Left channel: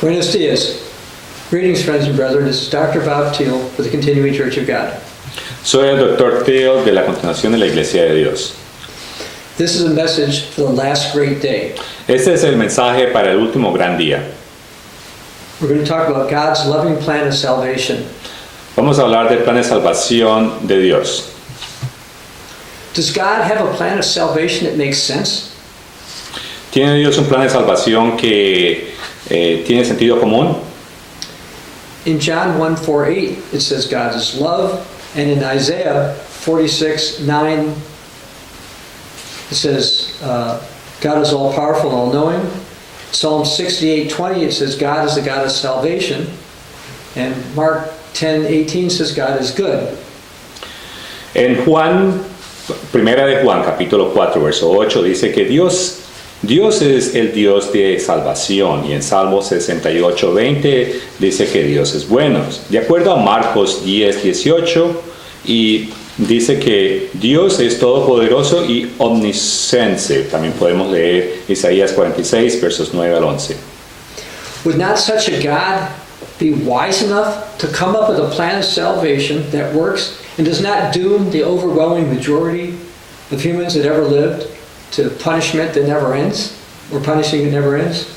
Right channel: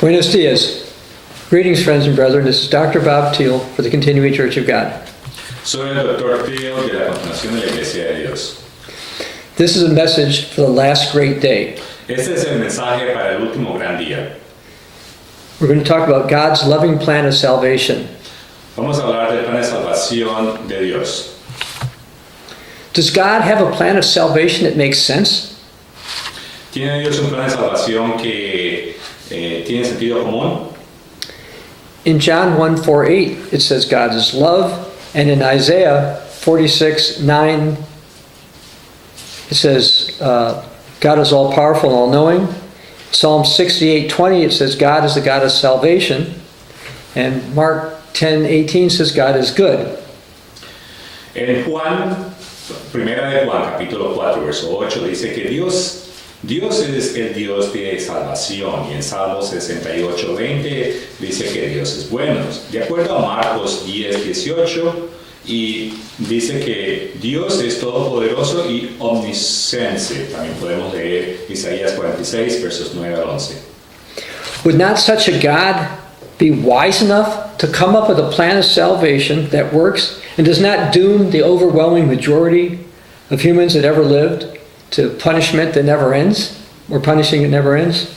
Buenos dias. Greetings, friends and brethren. This is Dr. Bob Thiel for the Continuing Church of God. Soy el Dr. Thiel de la Continuación de la Iglesia de Dios. This is a message for the last great day. Este es el mensaje para el último gran día. We're going to talk about God's loving plan of salvation. Vamos a hablar del plan de salvación de Dios. Does God have a plan of salvation that makes sense? ¿Tiene Dios un plan de salvación que tiene sentido común? In John 1:4-8, it says God is love, and in Isaiah 46:9, it says God is all powerful and all knowing. Psalm 68:20, it says God is the God of salvation, and Mark 10:18 says God is good. En Primera de Juan, capítulo 4, verso 8, dice que Dios es el Dios de salvación, y en Salmo 68:20 dice que Dios es bueno. De acuerdo a Marcos 10:18, y dice que Dios es todopoderoso y omnisciente. También podemos leer Isaías 46, versos 9 al 11. Would not such a God be wise enough to come up with a plan of salvation that works and does not doom the overwhelming majority of humans that ever lived to punishment that never ends, or punishing that never ends?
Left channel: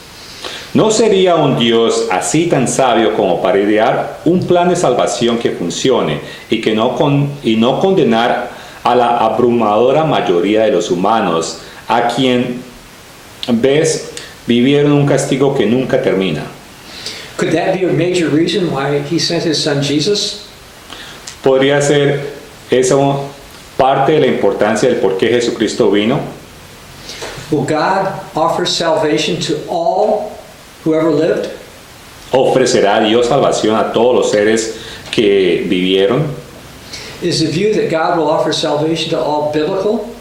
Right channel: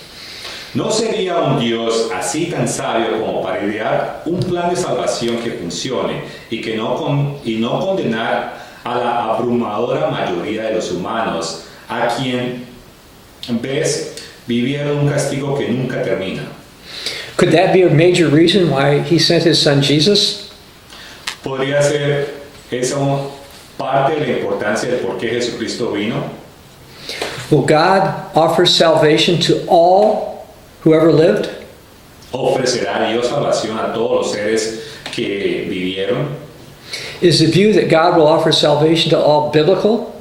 ¿No sería un Dios así tan sabio como para idear un plan de salvación que funcione y no condenar a la abrumadora mayoría de los humanos, a quien ves vivir en un castigo que nunca termina? Could that be a major reason why he sent his son Jesus? ¿Podría ser eso parte de la importancia del por qué Jesucristo vino? Will God offer salvation to all who ever lived? ¿Ofrecerá Dios salvación a todos los seres que vivieron? Is the view that God will offer salvation to all biblical?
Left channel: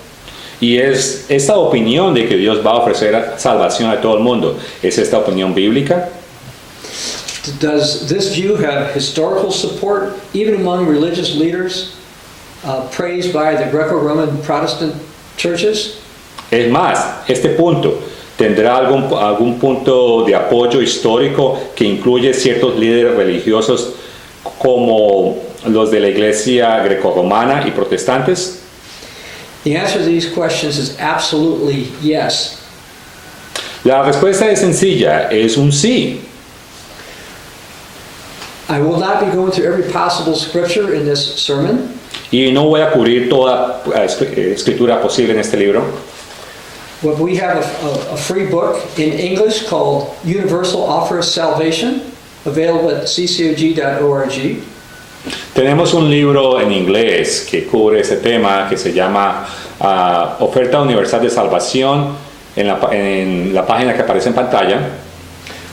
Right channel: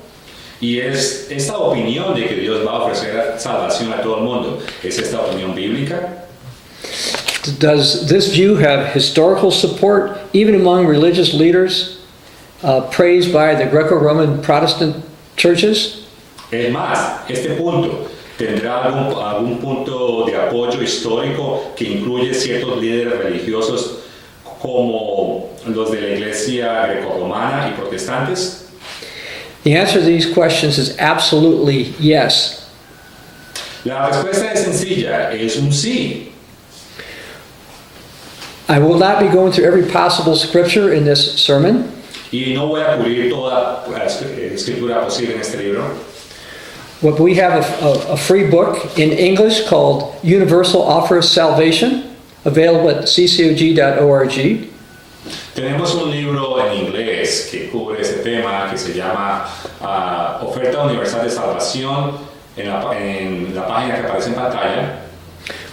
Y es esta opinión de que Dios va a ofrecer salvación a todo el mundo, ¿es esta opinión bíblica? Does this view have historical support even among religious leaders praised by the Greco-Roman Protestant churches? Es más, este punto tendrá algún punto de apoyo histórico que incluye ciertos líderes religiosos como los de la Iglesia grecorromana y protestantes. The answer to these questions is absolutely yes. La respuesta es sencilla, es un sí. I will not be going through every possible scripture in this sermon. Y no voy a cubrir toda escritura posible en este libro. But we have a free book in English called Universal Offer of Salvation, available at ccog.org. Tenemos un libro en inglés que cubre ese tema que se llama Oferta Universal de Salvación en la página que aparece en pantalla.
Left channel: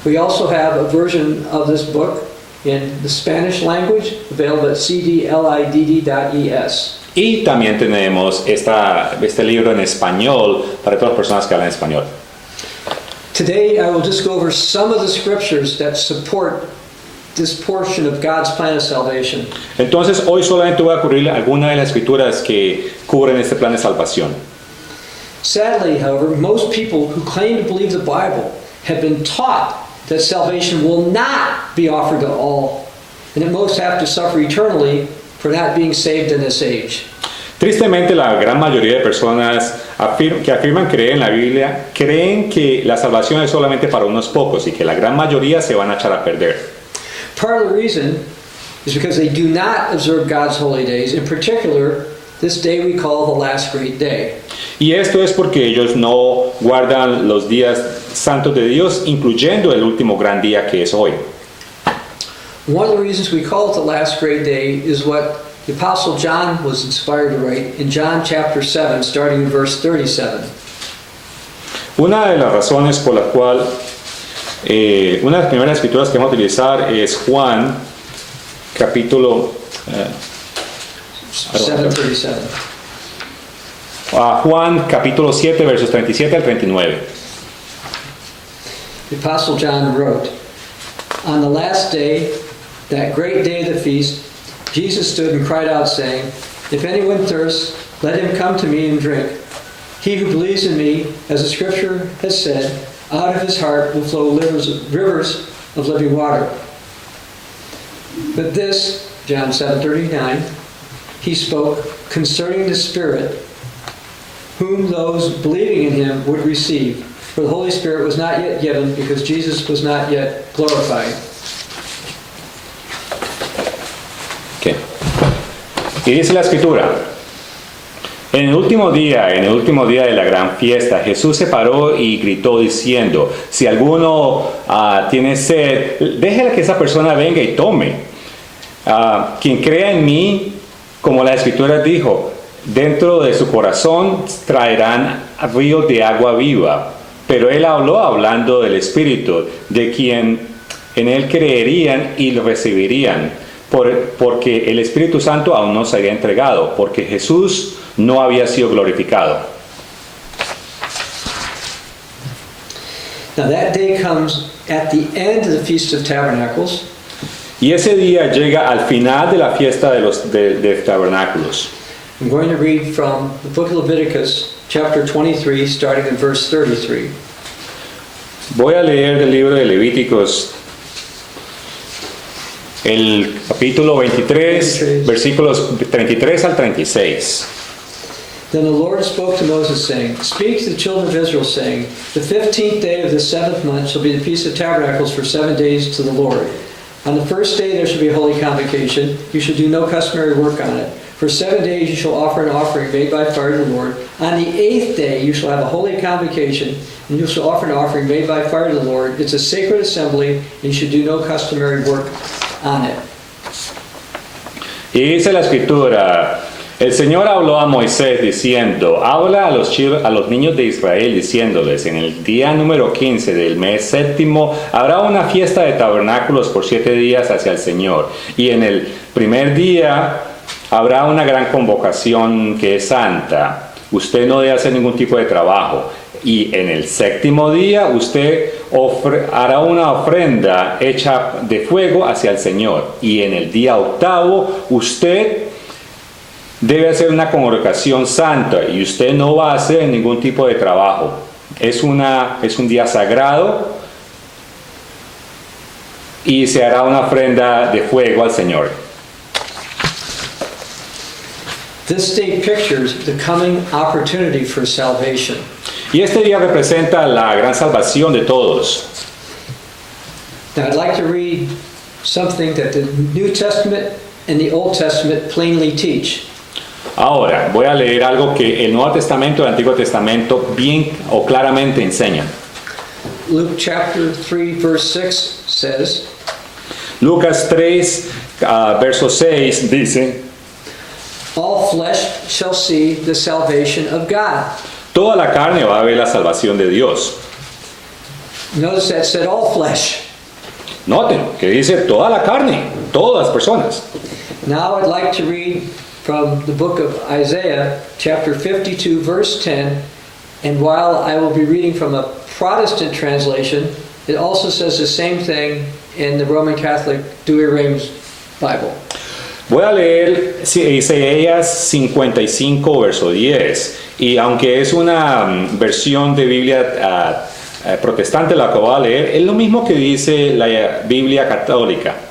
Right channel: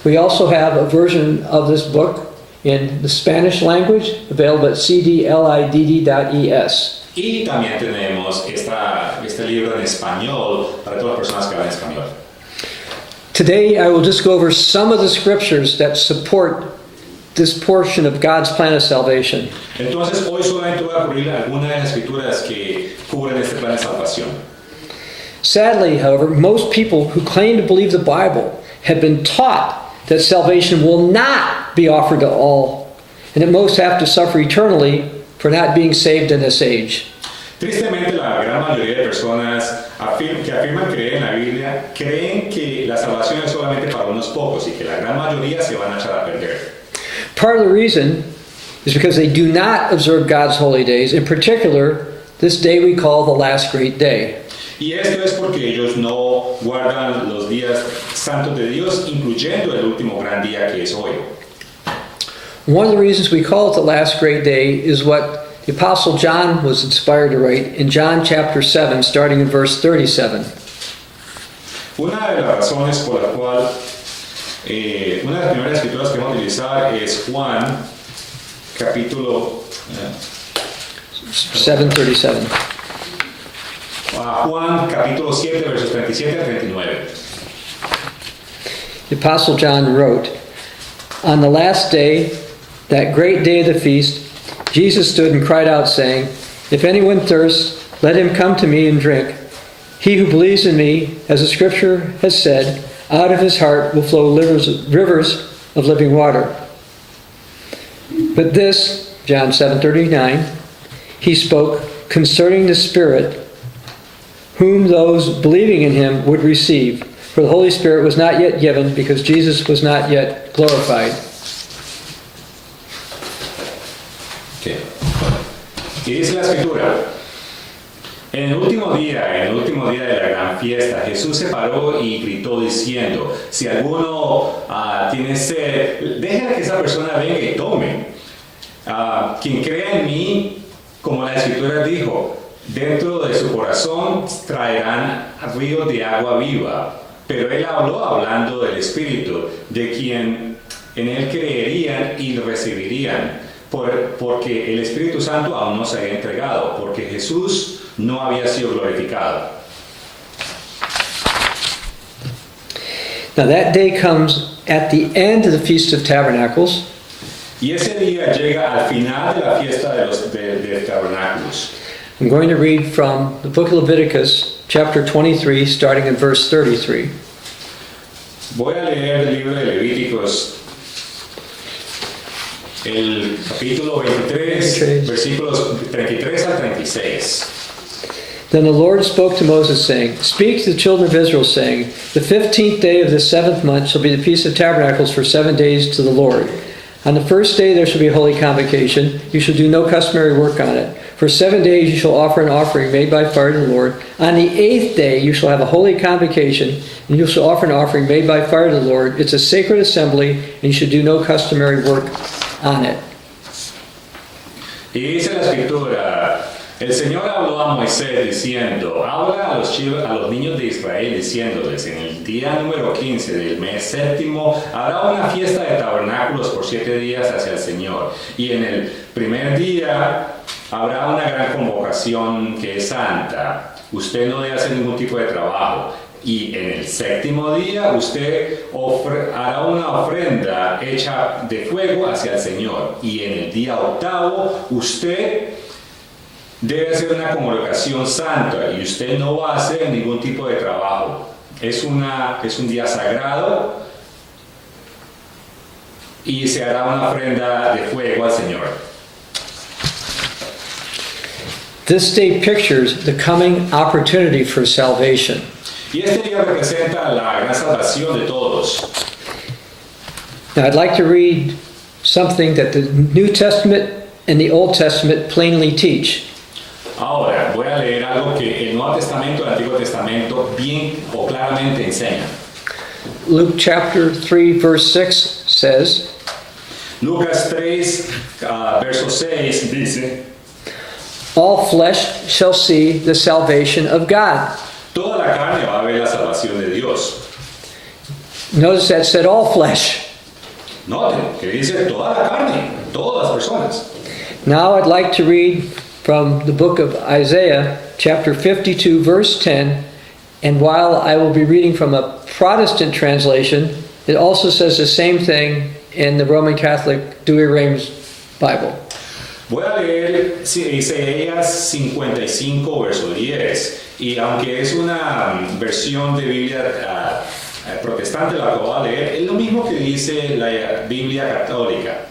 We also have a version of this book in the Spanish language, available at cdlidd.es. Y también tenemos este libro en español para todas las personas que hablan español. Today I will just go over some of the scriptures that support this portion of God's plan of salvation. Entonces hoy solamente voy a cubrir algunas de las escrituras que cubren este plan de salvación. Sadly, however, most people who claim to believe the Bible have been taught that salvation will not be offered to all, and that most have to suffer eternally for not being saved in this age. Tristemente, la gran mayoría de personas que afirman creer en la Biblia creen que la salvación es solamente para unos pocos y que la gran mayoría se van a echar a perder. Part of the reason is because they do not observe God's holy days, in particular, this day we call the last great day. Y esto es porque ellos no guardan los días santos de Dios, incluyendo el último gran día que es hoy. One of the reasons we call it the last great day is what the Apostle John was inspired to write in John chapter 7, starting in verse 37. Una de las razones por la cual, una de las primeras escrituras que vamos a utilizar es Juan, capítulo 7:37. Juan, capítulo 7, versos 37 al 39. The Apostle John wrote, "On the last day, that great day of the feast, Jesus stood and cried out, saying, 'If anyone thirsts, let him come to me and drink. He who believes in me, as the scripture has said, out of his heart will flow rivers of living water. But this, John 7:39, he spoke concerning the Spirit, whom those believing in him would receive. For the Holy Spirit was not yet given, because Jesus was not yet glorified. Okay. Y dice la escritura, en el último día de la gran fiesta, Jesús se paró y gritó diciendo, si alguno tiene sed, déjela que esa persona venga y tome. Quien crea en mí, como la escritura dijo, dentro de su corazón traerán ríos de agua viva. Pero él habló hablando del Espíritu, de quien en él creerían y lo recibirían, porque el Espíritu Santo aún no se había entregado, porque Jesús no había sido glorificado. Now that day comes at the end of the Feast of Tabernacles. Y ese día llega al final de la fiesta de tabernáculos. I'm going to read from the book of Leviticus, chapter 23, starting in verse 33. Voy a leer el libro de Levíticos, el capítulo 23, versículos 33 al 36. Then the Lord spoke to Moses, saying, Speak to the children of Israel, saying, The 15th day of the 7th month shall be the Feast of Tabernacles for 7 days to the Lord. On the first day there shall be a holy convocation. You shall do no customary work on it. For 7 days you shall offer an offering made by fire to the Lord. On the 8th day you shall have a holy convocation, and you shall offer an offering made by fire to the Lord. It's a sacred assembly, and you should do no customary work on it. Y dice la escritura, el Señor habló a Moisés diciendo, habla a los niños de Israel diciéndoles, en el día número 15 del mes séptimo habrá una fiesta de tabernáculos por 7 días hacia el Señor. Y en el primer día habrá una gran convocación que es santa. Usted no debe hacer ningún tipo de trabajo. Y en el séptimo día usted hará una ofrenda hecha de fuego hacia el Señor. Y en el día octavo usted debe hacer una congregación santa y usted no va a hacer ningún tipo de trabajo. Es un día sagrado y se hará una ofrenda de fuego al Señor. This day pictures the coming opportunity for salvation. Y este día representa la gran salvación de todos. Now I'd like to read something that the New Testament and the Old Testament plainly teach. Ahora, voy a leer algo que el Nuevo Testamento y el Antiguo Testamento bien o claramente enseñan. Luke chapter 3 verse 6 says, Lucas 3, verso 6 dice, All flesh shall see the salvation of God. toda la carne va a ver la salvación de Dios. Notice that said all flesh. Noten que dice toda la carne, todas las personas. Now I'd like to read from the book of Isaiah, chapter 52, verse 10. And while I will be reading from a Protestant translation, it also says the same thing in the Roman Catholic Douay-Rheims Bible. Voy a leer Isaías 55, verso 10. Y aunque es una versión de Biblia protestante la que voy a leer, es lo mismo que dice la Biblia católica.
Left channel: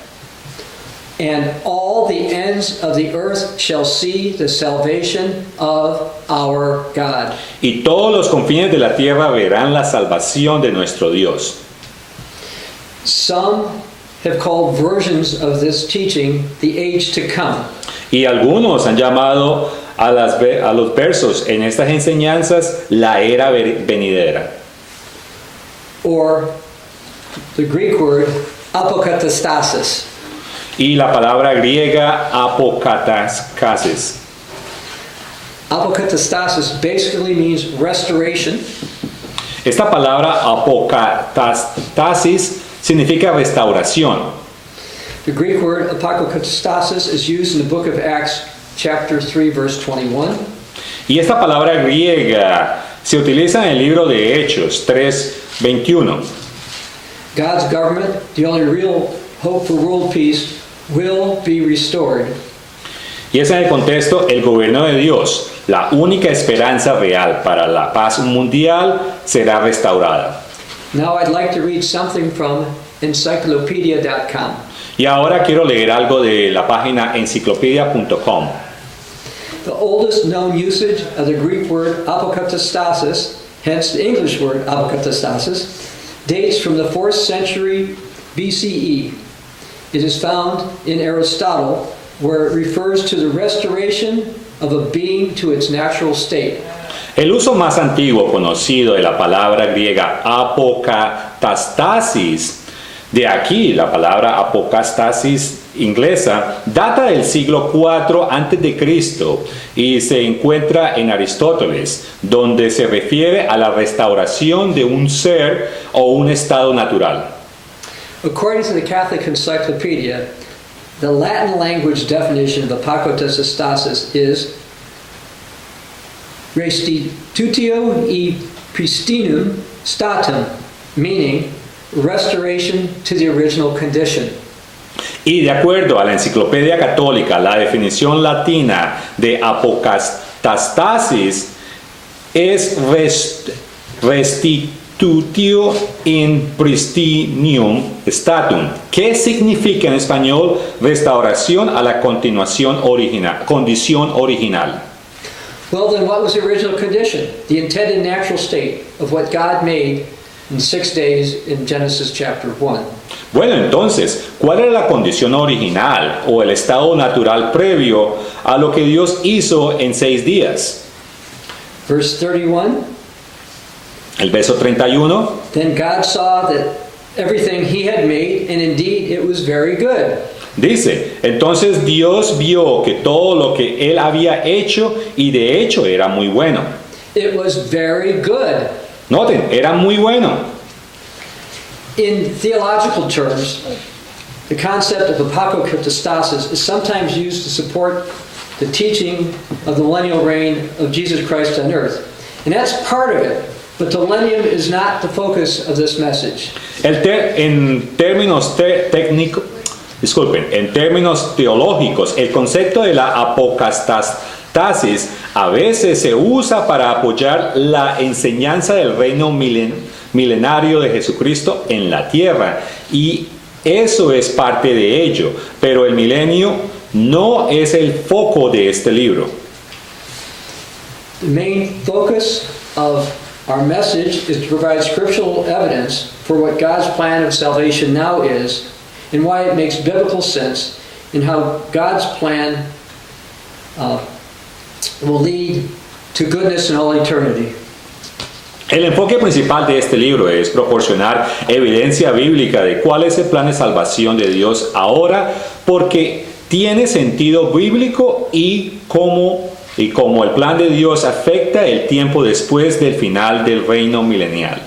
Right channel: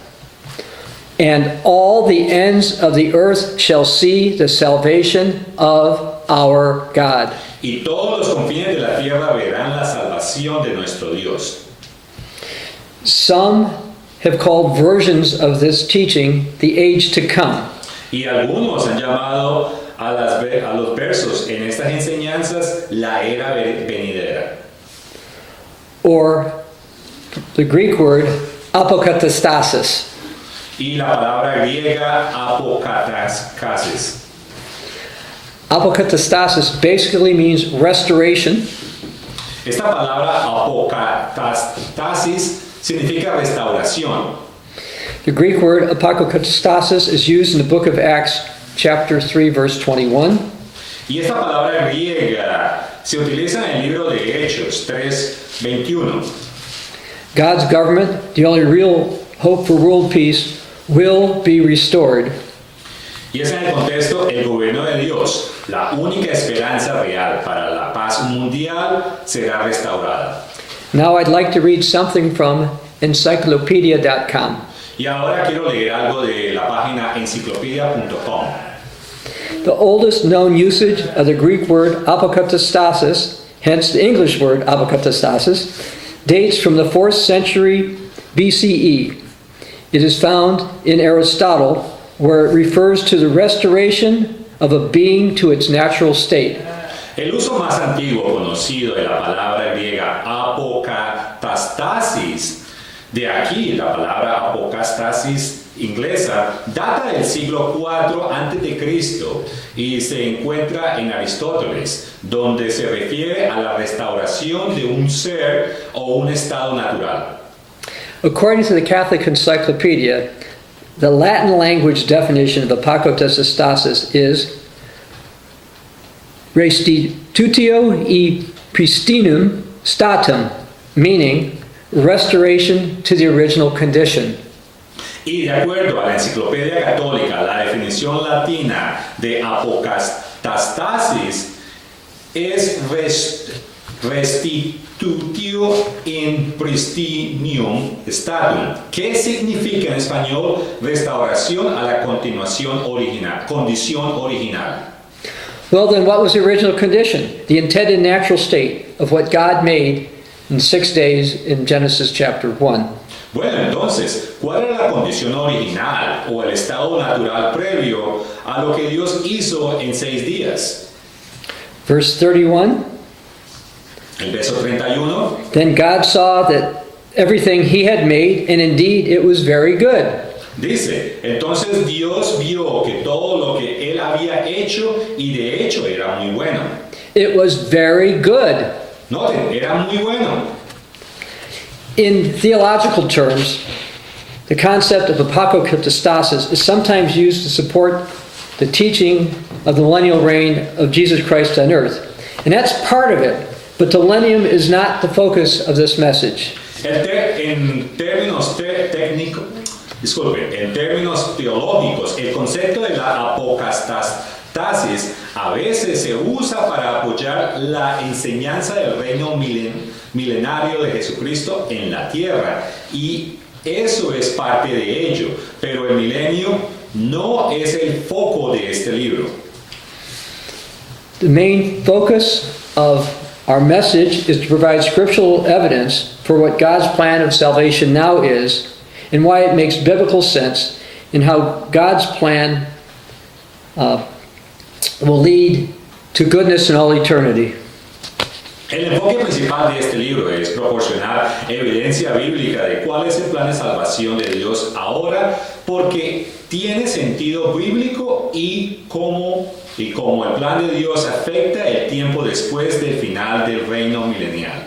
And all the ends of the earth shall see the salvation of our God. Y todos los confines de la tierra verán la salvación de nuestro Dios. Some have called versions of this teaching the age to come. Y algunos han llamado a los versos en estas enseñanzas la era venidera. Or the Greek word apokatastasis. Y la palabra griega apokatastasis. Apokatastasis basically means restoration. Esta palabra apokatastasis significa restauración. The Greek word apokatastasis is used in the book of Acts chapter 3 verse 21. Y esta palabra griega se utiliza en el libro de Hechos 3:21. God's government, the only real hope for world peace, will be restored. Y es en el contexto el gobierno de Dios, la única esperanza real para la paz mundial será restaurada. Now I'd like to read something from encyclopedia.com. Y ahora quiero leer algo de la página enciclopedia.com. The oldest known usage of the Greek word apokatastasis, hence the English word apokatastasis, dates from the 4th century BCE. It is found in Aristotle, where it refers to the restoration of a being to its natural state. El uso más antiguo conocido de la palabra griega apokatastasis, de aquí la palabra apocastasis inglesa, data del siglo IV a.C. y se encuentra en Aristóteles, donde se refiere a la restauración de un ser o un estado natural. According to the Catholic Encyclopedia, the Latin language definition of apokatastasis is restitutio e pristinum statum, meaning restoration to the original condition. Y de acuerdo a la Enciclopedia Católica, la definición latina de apokatastasis es restitutio in pristinium statum, que significa en español restauración a la condición original. Well, then what was the original condition? The intended natural state of what God made in 6 days in Genesis chapter 1. Bueno, entonces, ¿cuál era la condición original o el estado natural previo a lo que Dios hizo en 6 días? Verse 31, El verso 31. then God saw that everything he had made, and indeed it was very good. Dice, entonces Dios vio que todo lo que Él había hecho y de hecho era muy bueno. It was very good. Noten, era muy bueno. In theological terms, the concept of apokatastasis is sometimes used to support the teaching of the millennial reign of Jesus Christ on earth. And that's part of it, but the millennium is not the focus of this message. En términos en términos teológicos, el concepto de la apocastasis a veces se usa para apoyar la enseñanza del reino milenario de Jesucristo en la tierra, y eso es parte de ello, pero el milenio no es el foco de este libro. The main focus of our message is to provide scriptural evidence for what God's plan of salvation now is, and why it makes biblical sense, and how God's plan will lead to goodness in all eternity. El enfoque principal de este libro es proporcionar evidencia bíblica de cuál es el plan de salvación de Dios ahora, porque tiene sentido bíblico y cómo el plan de Dios afecta el tiempo después del final del reino milenial.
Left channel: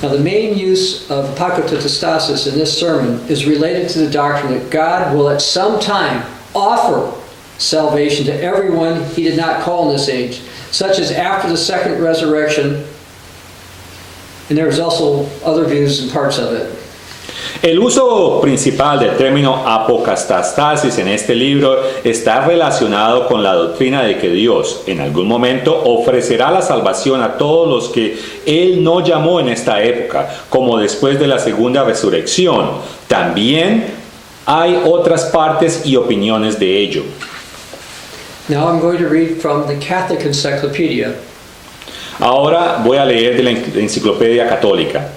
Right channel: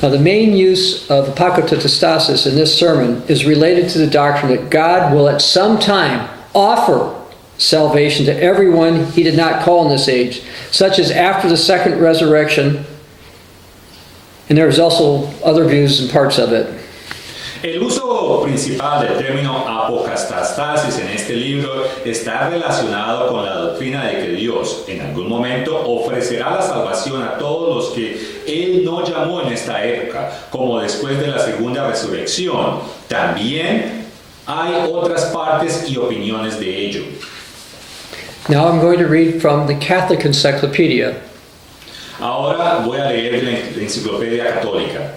Now, the main use of apokatastasis in this sermon is related to the doctrine that God will at some time offer salvation to everyone he did not call in this age, such as after the second resurrection, and there's also other views and parts of it. El uso principal del término apocastasis en este libro está relacionado con la doctrina de que Dios en algún momento ofrecerá la salvación a todos los que Él no llamó en esta época, como después de la segunda resurrección. También hay otras partes y opiniones de ello. Now I'm going to read from the Catholic Encyclopedia. Ahora voy a leer de la Enciclopedia Católica.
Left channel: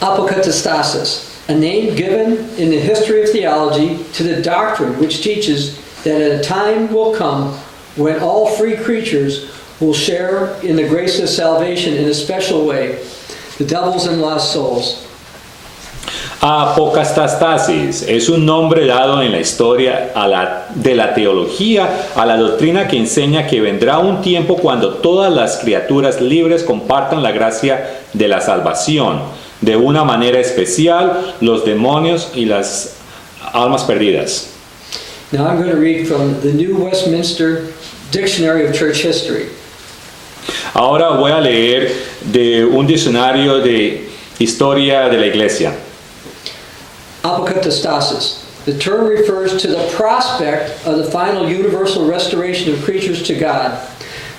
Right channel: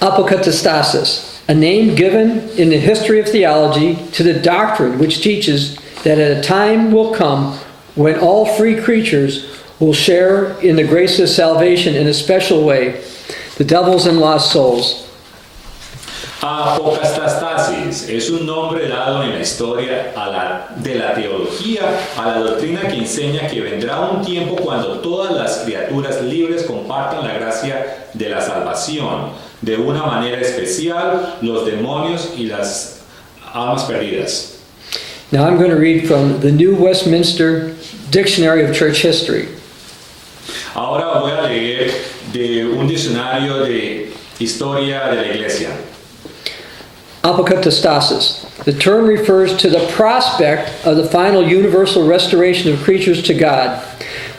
Apokatastasis, a name given in the history of theology to the doctrine which teaches that at a time will come when all free creatures will share in the grace of salvation in a special way, the devils and lost souls. Apocastasis es un nombre dado en la historia de la teología a la doctrina que enseña que vendrá un tiempo cuando todas las criaturas libres compartan la gracia de la salvación, de una manera especial los demonios y las almas perdidas. Now I'm going to read from the New Westminster Dictionary of Church History. Ahora voy a leer de un diccionario de historia de la Iglesia. Apokatastasis. The term refers to the prospect of the final universal restoration of creatures to God.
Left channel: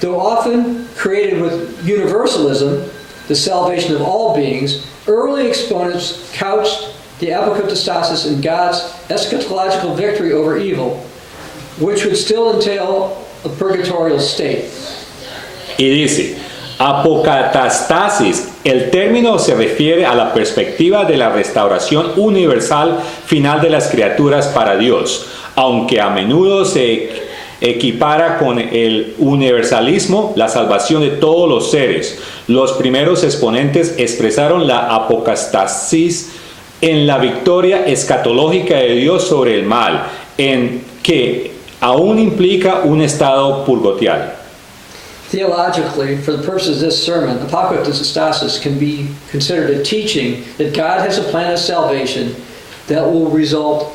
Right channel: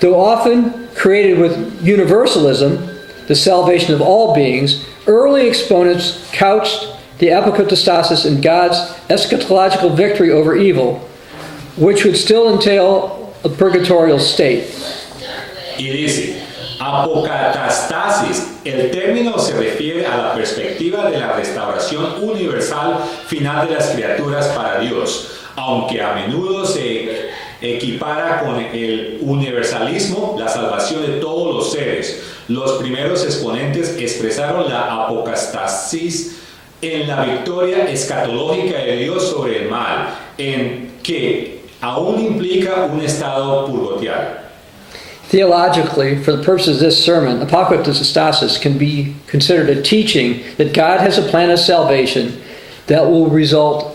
Though often created with universalism, the salvation of all beings, Early exponents couched the apokatastasis in God's eschatological victory over evil, which would still entail a purgatorial state. Y dice, apocatastasis, el término se refiere a la perspectiva de la restauración universal final de las criaturas para Dios, aunque a menudo se equipara con el universalismo, la salvación de todos los seres. Los primeros exponentes expresaron la apocatastasis en la victoria escatológica de Dios sobre el mal, en que aún implica un estado purgatorial. Theologically, for the purposes of this sermon, apokatastasis can be considered a teaching that God has a plan of salvation that will result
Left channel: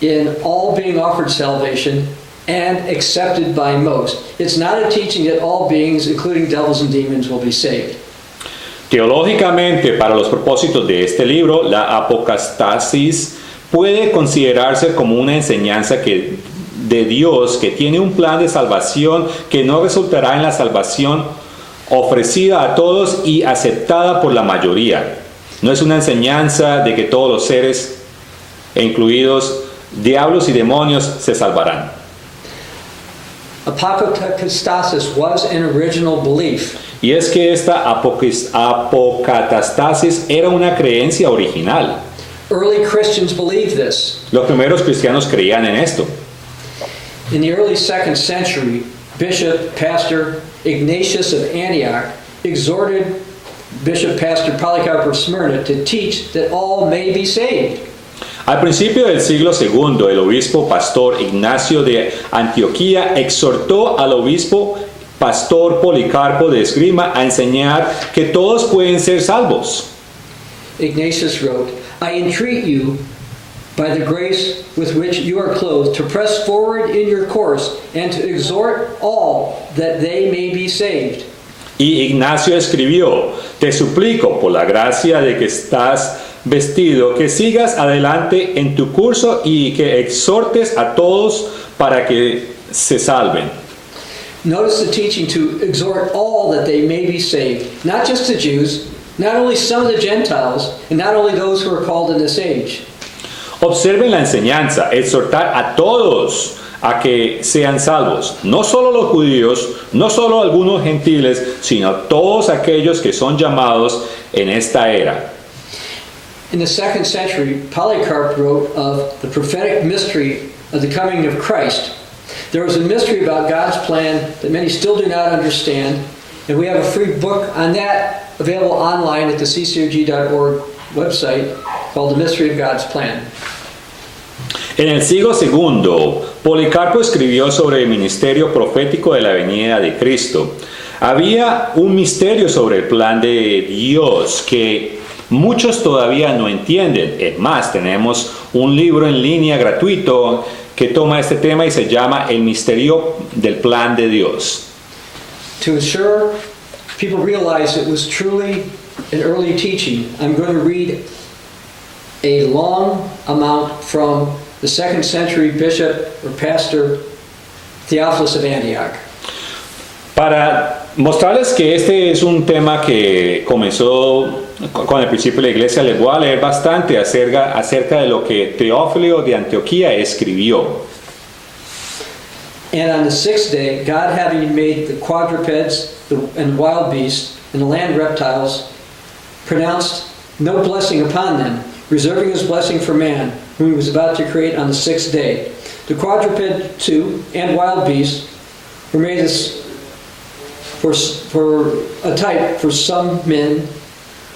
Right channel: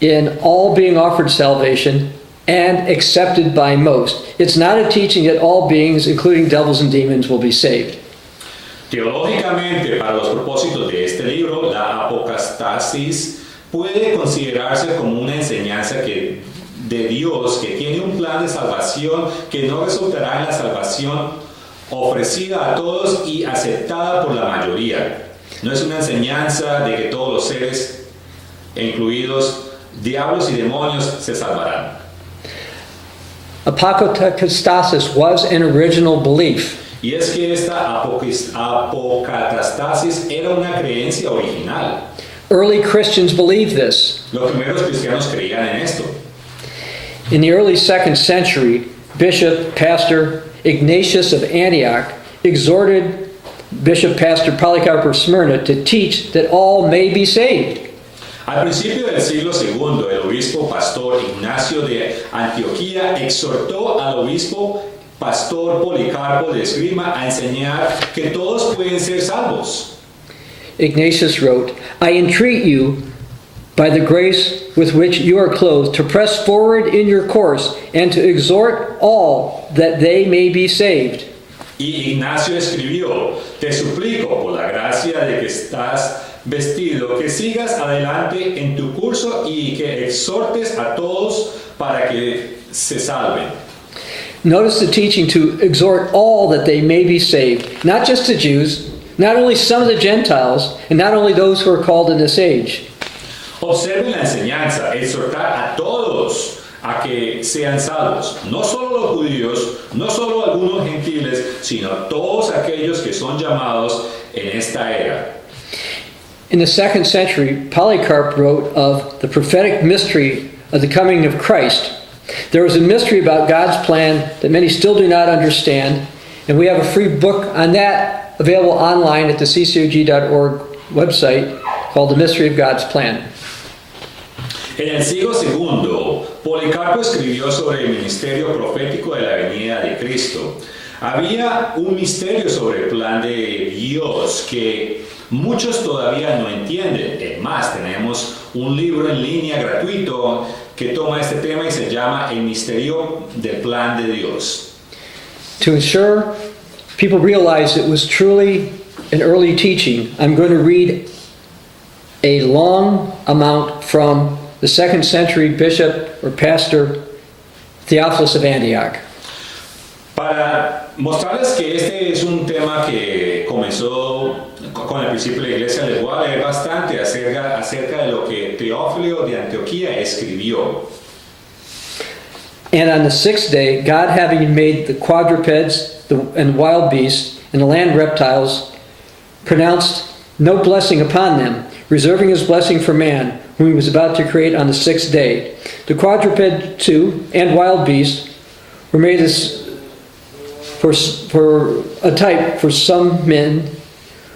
in all being offered salvation and accepted by most. It's not a teaching that all beings, including devils and demons, will be saved. Teológicamente, para los propósitos de este libro, la apocatastasis puede considerarse como una enseñanza de Dios que tiene un plan de salvación que no resultará en la salvación ofrecida a todos y aceptada por la mayoría. No es una enseñanza de que todos los seres, incluidos diablos y demonios, se salvarán. Apokatastasis was an original belief. Y es que esta apocatastasis era una creencia original. Early Christians believed this. Los primeros cristianos creían en esto. In the early 2nd century, Bishop Pastor Ignatius of Antioch exhorted Bishop Pastor Polycarp of Smyrna to teach that all may be saved. Al principio del siglo II, el obispo pastor Ignacio de Antioquía exhortó al obispo pastor Policarpo de Esgrima a enseñar que todos pueden ser salvos. Ignatius wrote, I entreat you, by the grace with which you are clothed, to press forward in your course and to exhort all that they may be saved. Y Ignacio escribió, te suplico por la gracia de que estás vestido, que sigas adelante en tu curso y que exhortes a todos para que se salven. Notice the teaching to exhort all that they may be saved, not just the Jews, not only some of the Gentiles, and not only those who are called in this age. Observen la enseñanza, exhortar a todos a que sean salvos, no solo los judíos, no solo algunos gentiles, sino todos aquellos que son llamados en esta era. In the 2nd century, Polycarp wrote of the prophetic mystery of the coming of Christ. There was a mystery about God's plan that many still do not understand, and we have a free book on that available online at the ccog.org website called The Mystery of God's Plan. En el siglo II, Policarpo escribió sobre el ministerio profético de la venida de Cristo. Había un misterio sobre el plan de Dios que muchos todavía no entienden. Es más, tenemos un libro en línea gratuito que toma este tema y se llama El misterio del plan de Dios. To ensure people realize it was truly an early teaching, I'm going to read a long amount from the 2nd century bishop or pastor Theophilus of Antioch. Para mostrarles que este es un tema que comenzó con el principio de la iglesia, les voy a leer bastante acerca de lo que Teófilo de Antioquía escribió. And on the 6th day, God having made the quadrupeds and wild beasts and the land reptiles, pronounced no blessing upon them, reserving his blessing for man, whom he was about to create on the 6th day. The quadruped too and wild beasts were made for a type for some men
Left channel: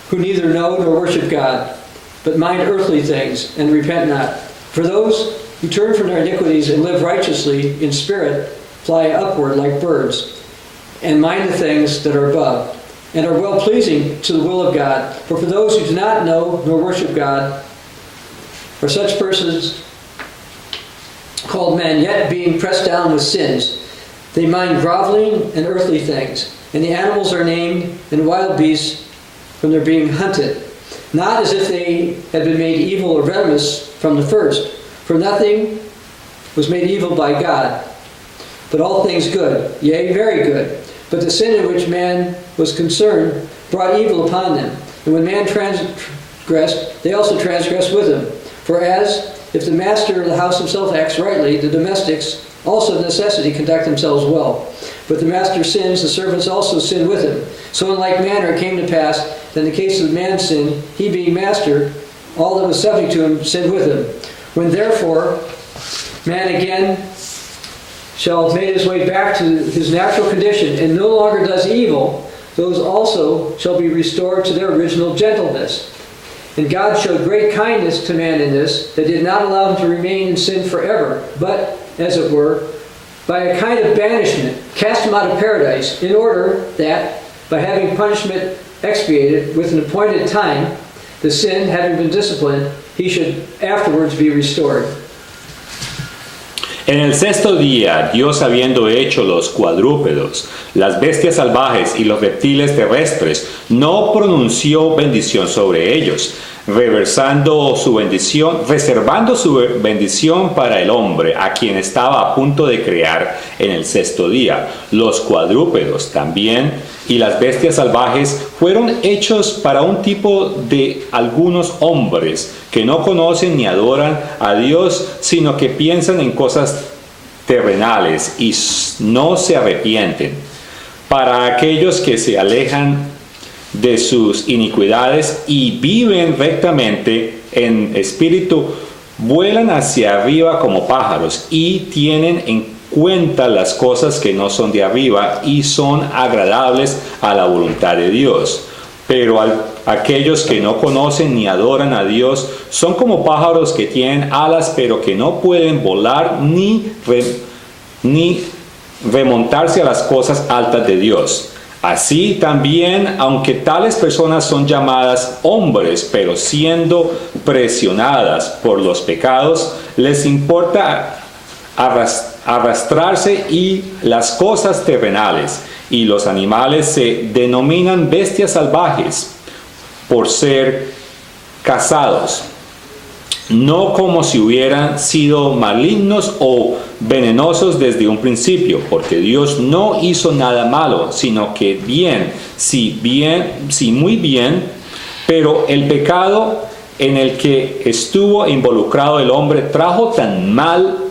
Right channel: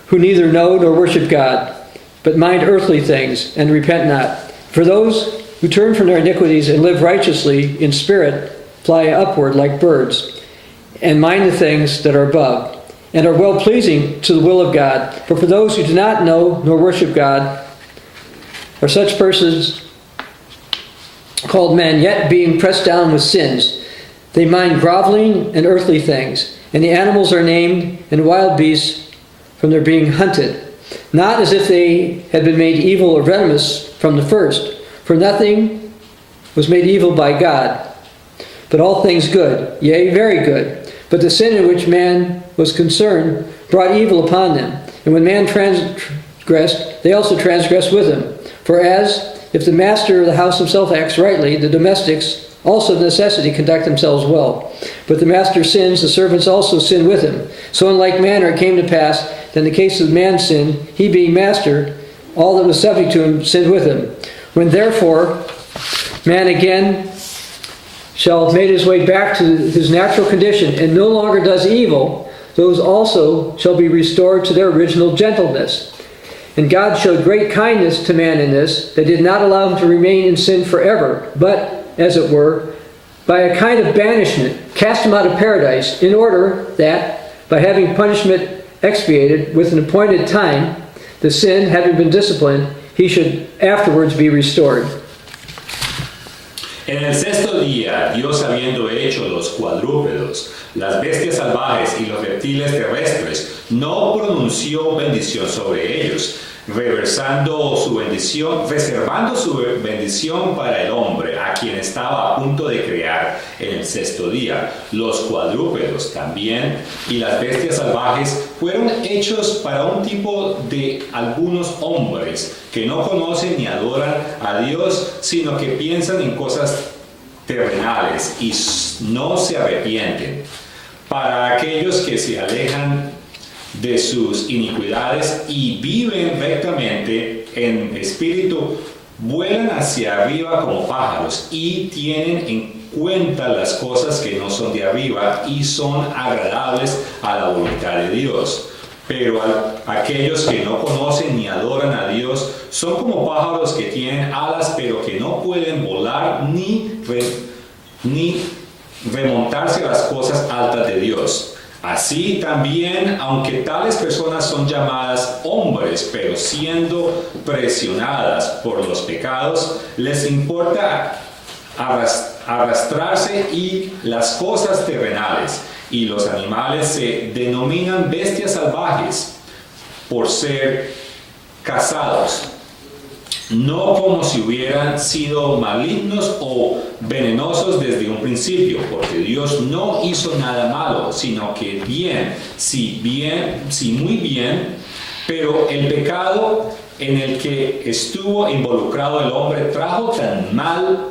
who neither know nor worship God, but mind earthly things and repent not. For those who turn from their iniquities and live righteously in spirit fly upward like birds, and mind the things that are above, and are well pleasing to the will of God. But for those who do not know nor worship God, are such persons called men, yet being pressed down with sins, they mind groveling and earthly things, and the animals are named, and wild beasts from their being hunted, not as if they had been made evil or venomous from the first, for nothing was made evil by God, but all things good, yea, very good. But the sin in which man was concerned brought evil upon them, And when man transgressed, they also transgressed with him. For as, if the master of the house himself acts rightly, the domestics also of necessity conduct themselves well. But the master sins, the servants also sin with him. So in like manner it came to pass that in the case of man sinned, he being master, all that was subject to him sinned with him. When therefore man again shall have made his way back to his natural condition and no longer does evil, those also shall be restored to their original gentleness. And God showed great kindness to man in this, that did not allow him to remain in sin forever, but, as it were, by a kind of banishment, cast him out of paradise, in order that, by having punishment expiated with an appointed time, the sin, having been disciplined, he should afterwards be restored. En el sexto día, Dios habiendo hecho los cuadrúpedos, las bestias salvajes y los reptiles terrestres, no pronunció bendición sobre ellos, reservando su bendición para el hombre, a quien estaba a punto de crear en el sexto día. Los cuadrúpedos también y las bestias salvajes fueron hechos para un tipo de algunos hombres que no conocen ni adoran a Dios, sino que piensan en cosas terrenales y no se arrepienten. Para aquellos que se alejan de sus iniquidades y viven rectamente en espíritu, vuelan hacia arriba como pájaros y tienen en cuenta las cosas que no son de arriba y son agradables a la voluntad de Dios. Pero aquellos que no conocen ni adoran a Dios son como pájaros que tienen alas pero que no pueden volar ni remontarse a las cosas altas de Dios. Así también, aunque tales personas son llamadas hombres, pero siendo presionadas por los pecados, les importa arrastrarse y las cosas terrenales, y los animales se denominan bestias salvajes por ser cazados, no como si hubieran sido malignos o venenosos desde un principio, porque Dios no hizo nada malo, sino que bien, sí muy bien, pero el pecado en el que estuvo involucrado el hombre trajo tan mal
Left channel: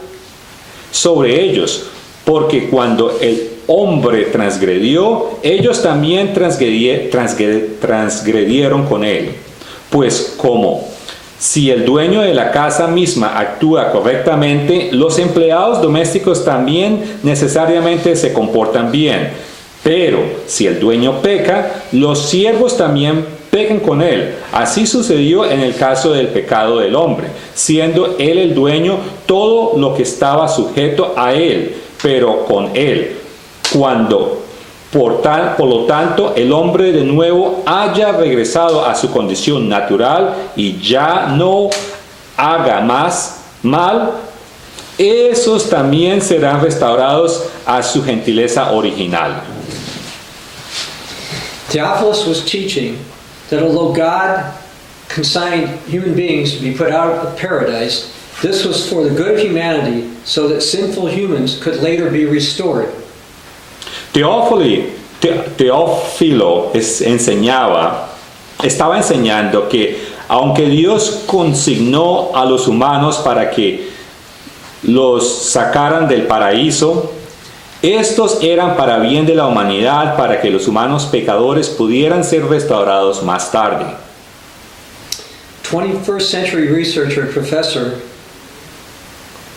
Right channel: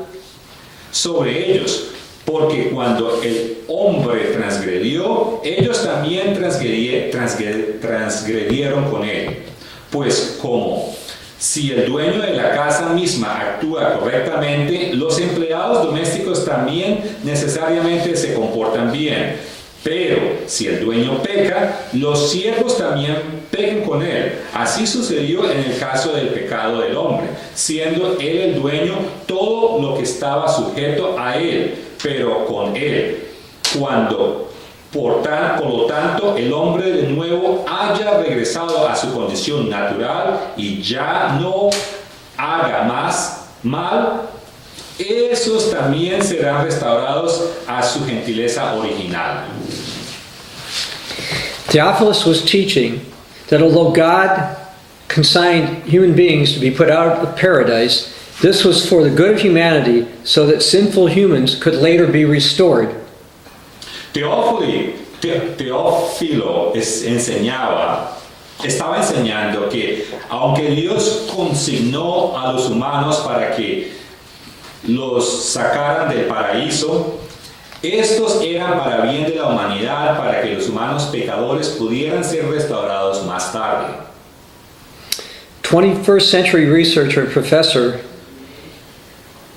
sobre ellos, porque cuando el hombre transgredió, ellos también transgredieron con él. Pues como si el dueño de la casa misma actúa correctamente, los empleados domésticos también necesariamente se comportan bien. Pero si el dueño peca, los siervos también pecan con él. Así sucedió en el caso del pecado del hombre, siendo él el dueño, todo lo que estaba sujeto a él, pero con él. Cuando por lo tanto el hombre de nuevo haya regresado a su condición natural y ya no haga más mal, esos también serán restaurados a su gentileza original. Theophilus was teaching that although God consigned human beings to be put out of paradise, this was for the good of humanity so that sinful humans could later be restored. Teófilo estaba enseñando que aunque Dios consignó a los humanos para que los sacaran del paraíso, estos eran para bien de la humanidad, para que los humanos pecadores pudieran ser restaurados más tarde. 21st century researcher and professor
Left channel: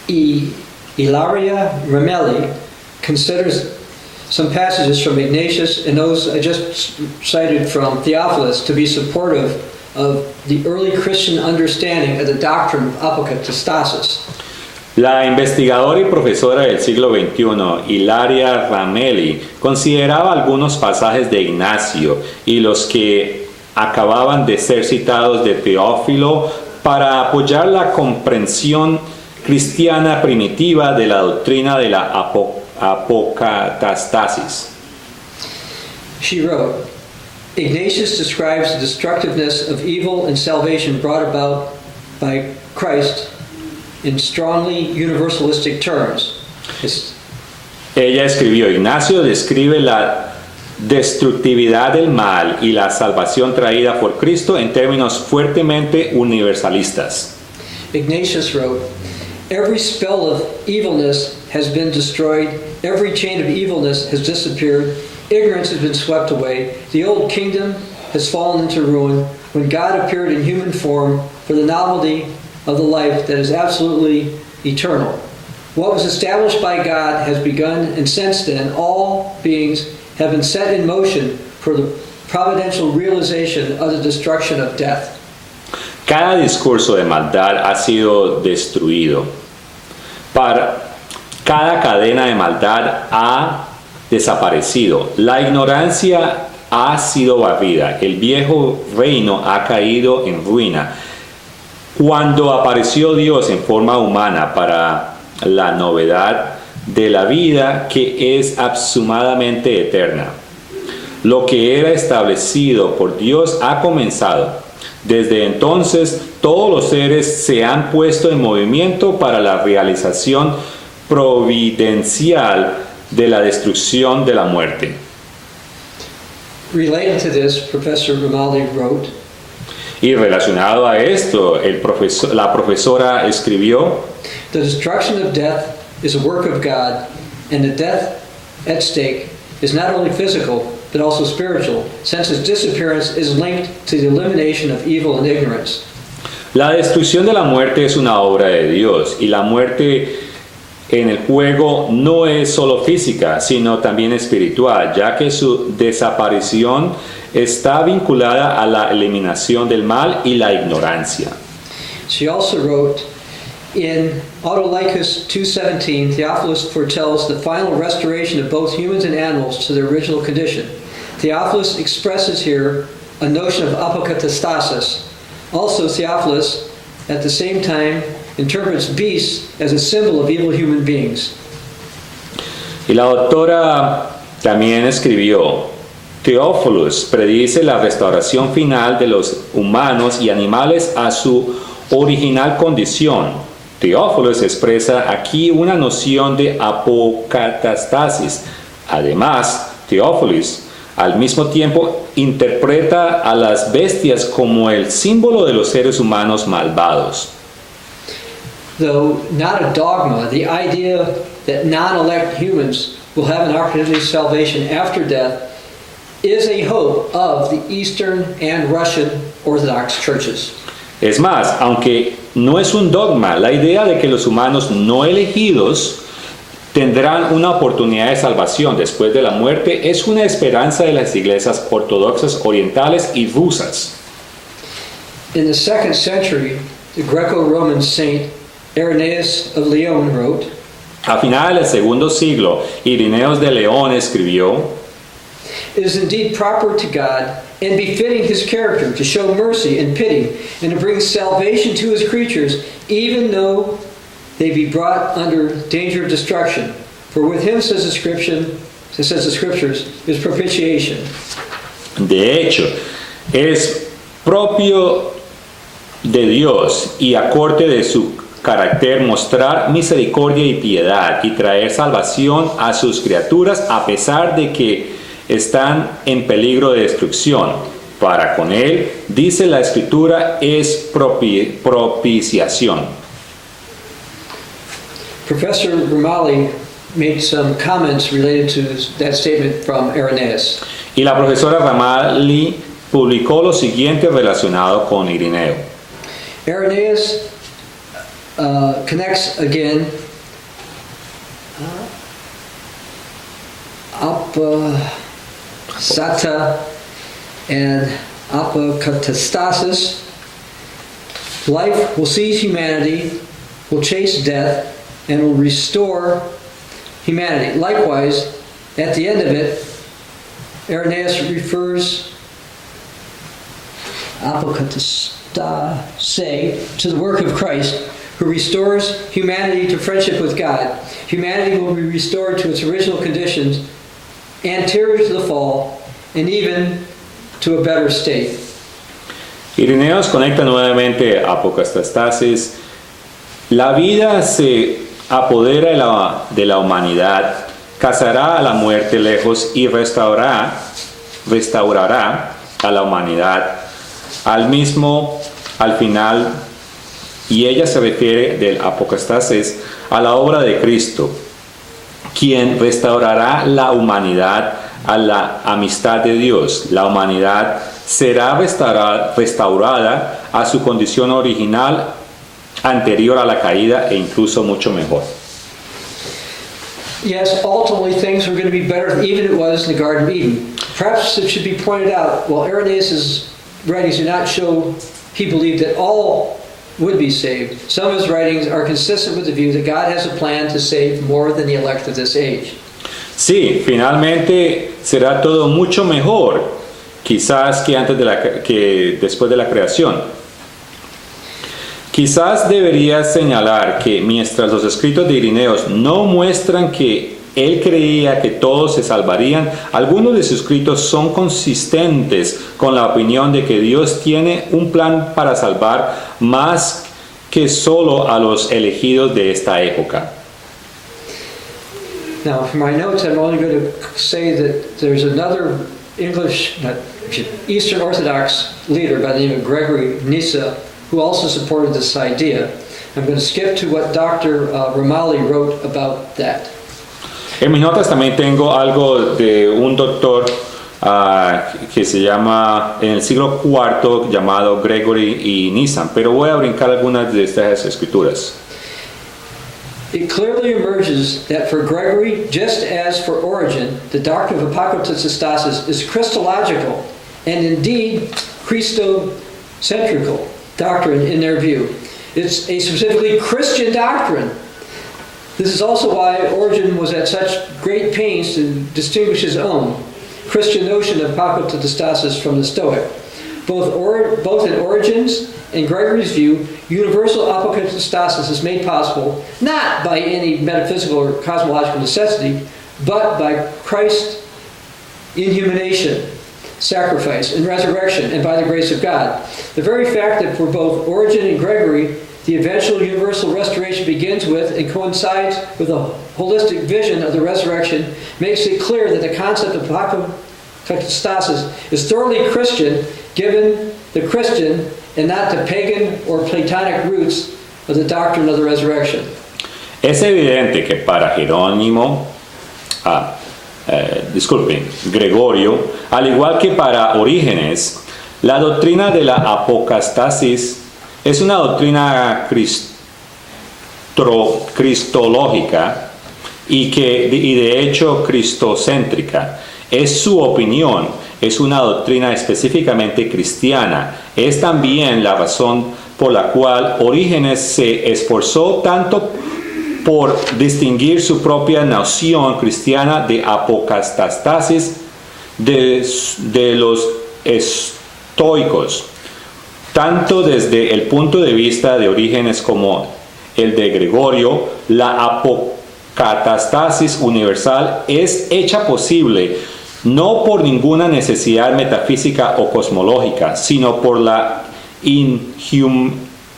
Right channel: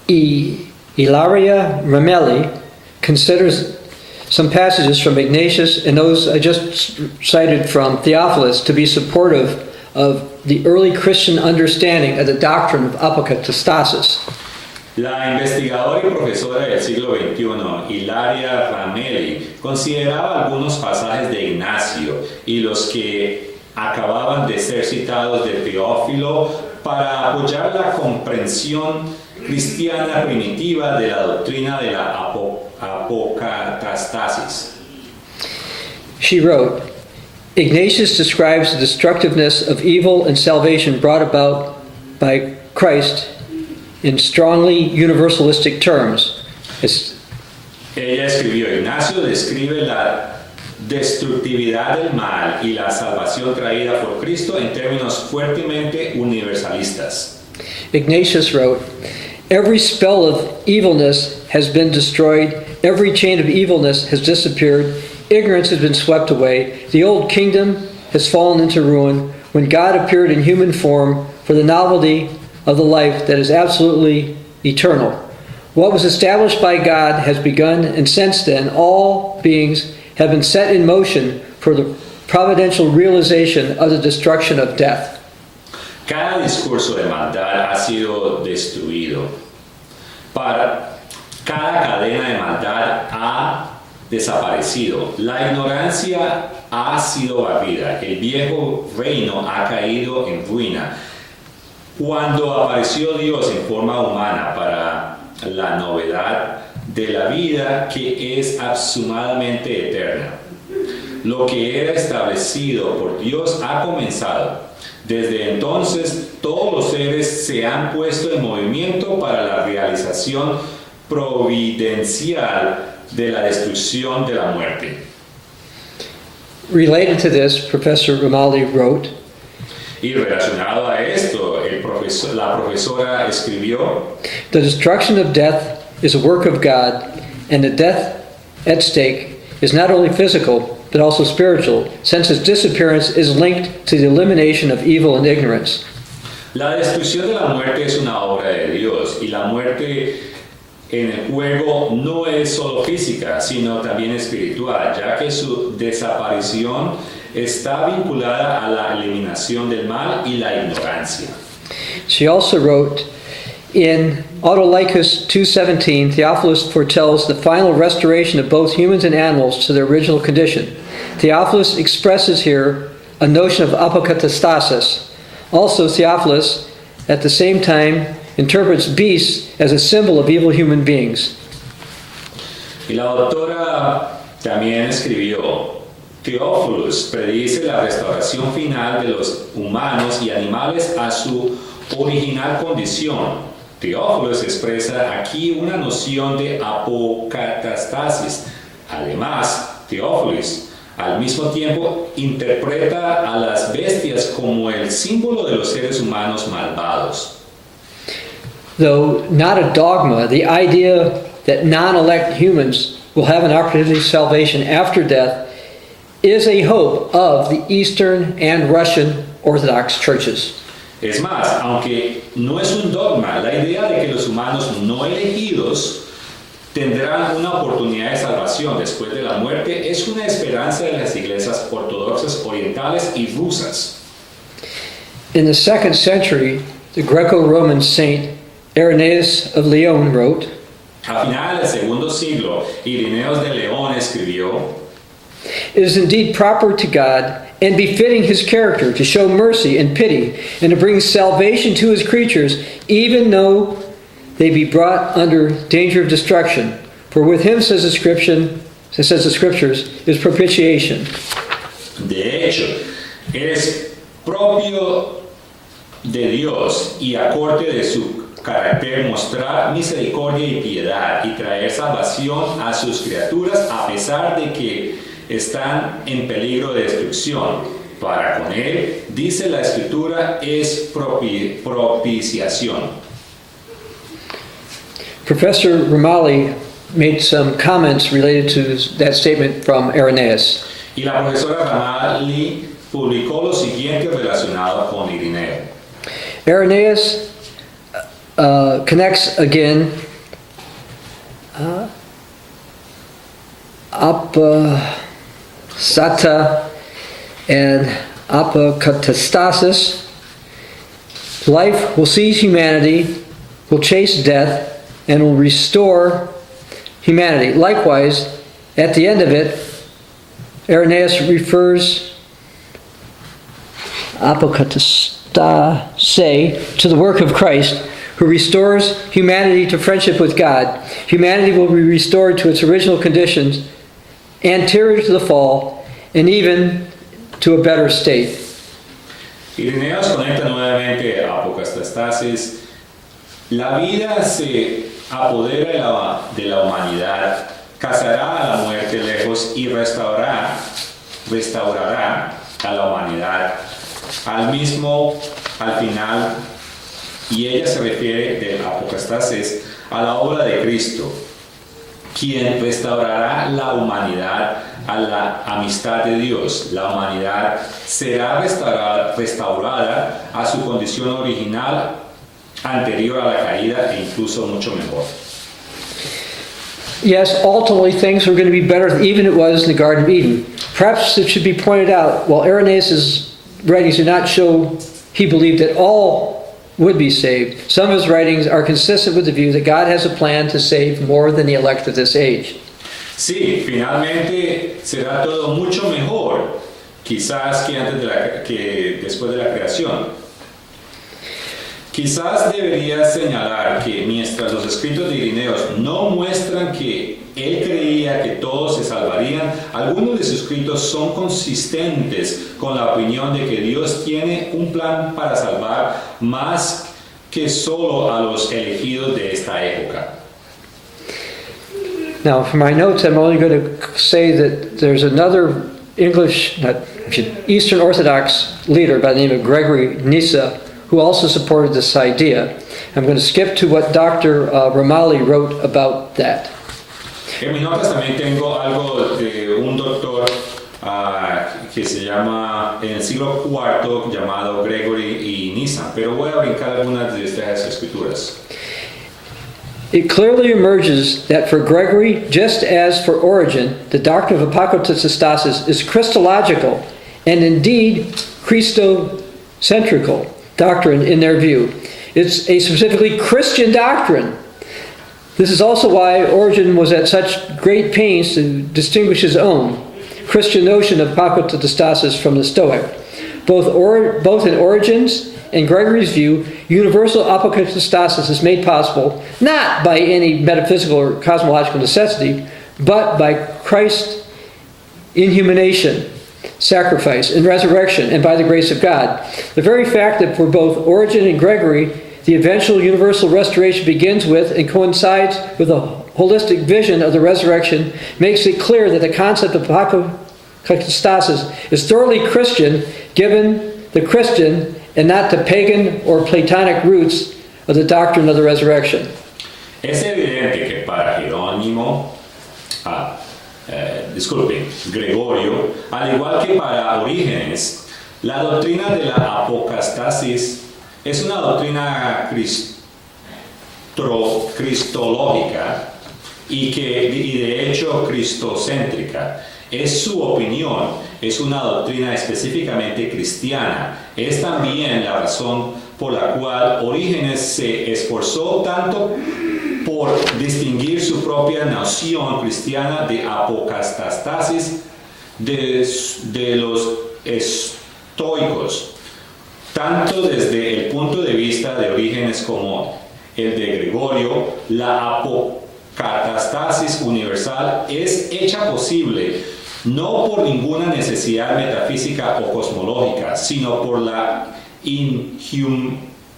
Ilaria Ramelli considers some passages from Ignatius and those I just cited from Theophilus to be supportive of the early Christian understanding of the doctrine of apokatastasis. La investigadora y profesora del siglo XXI, Ilaria Ramelli, consideraba algunos pasajes de Ignacio y los que acababan de ser citados de Teófilo para apoyar la comprensión cristiana primitiva de la doctrina de la apokatastasis. She wrote, Ignatius describes the destructiveness of evil and salvation brought about by Christ in strongly universalistic terms. Ella escribió, Ignacio describe la destructividad del mal y la salvación traída por Cristo en términos fuertemente universalistas. Ignatius wrote, "Every spell of evilness has been destroyed, every chain of evilness has disappeared, ignorance has been swept away, the old kingdom has fallen into ruin, when God appeared in human form for the novelty of the life that is absolutely eternal. What was established by God has begun, and since then all beings have been set in motion for the providential realization of the destruction of death." Cada discurso de maldad ha sido destruido. Cada cadena de maldad ha desaparecido. La ignorancia ha sido barrida. El viejo reino ha caído en ruina. Cuando apareció Dios en forma humana para la novedad de la vida que es absumadamente eterna. Lo que era establecido por Dios ha comenzado. Desde entonces, todos los seres se han puesto en movimiento para la realización providencial de la destrucción de la muerte. Related to this, Professor Ramalli wrote, Y relacionado a esto, la profesora escribió, "The destruction of death is a work of God, and the death at stake is not only physical, but also spiritual, since its disappearance is linked to the elimination of evil and ignorance." la destrucción de la muerte es una obra de Dios, y la muerte en el juego no es solo física, sino también espiritual, ya que su desaparición está vinculada a la eliminación del mal y la ignorancia. She also wrote, in Autolycus 2:17, Theophilus foretells the final restoration of both humans and animals to their original condition. Theophilus expresses here a notion of apokatastasis. Also, Theophilus, at the same time, interprets beasts as a symbol of evil human beings. Y la doctora también escribió, Theophilus predice la restauración final de los humanos y animales a su original condición. Theophilus expresa aquí una noción de apocatastasis. Además, Theophilus al mismo tiempo interpreta a las bestias como el símbolo de los seres humanos malvados. Though not a dogma, the idea that non-elect humans will have an opportunity of salvation after death is a hope of the Eastern and Russian Orthodox churches. Es más, aunque no es un dogma, la idea de que los humanos no elegidos tendrán una oportunidad de salvación después de la muerte es una esperanza de las iglesias ortodoxas orientales y rusas. In the 2nd century, the Greco-Roman saint Irenaeus of Lyon wrote, A finales del segundo siglo, Ireneos de León escribió, "It is indeed proper to God and befitting his character to show mercy and pity and to bring salvation to his creatures, even though they be brought under danger of destruction. For with him, says the scriptures, is propitiation." De hecho, es propio de Dios y acorde de su carácter mostrar misericordia y piedad y traer salvación a sus criaturas a pesar de que están en peligro de destrucción. Para con él, dice la Escritura, es propiciación. Professor Ramalli made some comments related to that statement from Irenaeus. Y la profesora Ramalli publicó lo siguiente relacionado con Irineo. Irenaeus connects again apasata and apokatastasis. Life will seize humanity, will chase death, and will restore humanity. Likewise, at the end of it, Irenaeus refers apokatastase to the work of Christ, who restores humanity to friendship with God. Humanity will be restored to its original conditions, anterior to the fall, and even to a better state. Ireneos conecta nuevamente a apocatastasis. La vida se apodera de la humanidad cazará a la muerte lejos y restaurará a la humanidad al final, y ella se refiere del apostasis a la obra de Cristo, quien restaurará la humanidad a la amistad de Dios. La humanidad será restaurada a su condición original anterior a la caída e incluso mucho mejor. Yes, ultimately things are going to be better than even it was in the Garden of Eden. Perhaps it should be pointed out, while Irenaeus' writings do not show he believed that all would be saved, some of his writings are consistent with the view that God has a plan to save more than the elect of this age. Sí, finalmente será todo mucho mejor, quizás que después de la creación. Quizás debería señalar que mientras los escritos de Irenaeus no muestran que él creía que todos se salvarían, algunos de sus escritos son consistentes con la opinión de que Dios tiene un plan para salvar más que solo a los elegidos de esta época. Now, for my notes, I'm only going to say that there's another Eastern Orthodox leader by the name of Gregory Nyssa who also supported this idea. I'm going to skip to what Dr. Ramali wrote about that. En mis notas también tengo algo de un doctor que se llama en el siglo IV llamado Gregory y Nyssa, pero voy a brincar algunas de estas escrituras. It clearly emerges that for Gregory, just as for Origen, the doctrine of apokatastasis is Christological and indeed Christocentrical doctrine in their view. It's a specifically Christian doctrine. This is also why Origen was at such great pains to distinguish his own Christian notion of apokatastasis from the Stoic. Both in Origen's and Gregory's view, universal apokatastasis is made possible not by any metaphysical or cosmological necessity, but by Christ's inhumanation, sacrifice, and resurrection, and by the grace of God. The very fact that for both Origen and Gregory, the eventual universal restoration begins with and coincides with a holistic vision of the resurrection makes it clear that the concept of apokatastasis is thoroughly Christian, given the Christian and not the pagan or Platonic roots of the doctrine of the resurrection. Es evidente que para Jerónimo, Gregorio, al igual que para Orígenes, la doctrina de la apostasis es una doctrina cristológica y de hecho cristocéntrica. Es su opinión, es una doctrina específicamente cristiana. Es también la razón por la cual Orígenes se esforzó tanto por distinguir su propia noción cristiana de apostasis de los estoicos, tanto desde el punto de vista de Orígenes como el de Gregorio. La apocatastasis universal es hecha posible no por ninguna necesidad metafísica o cosmológica, sino por la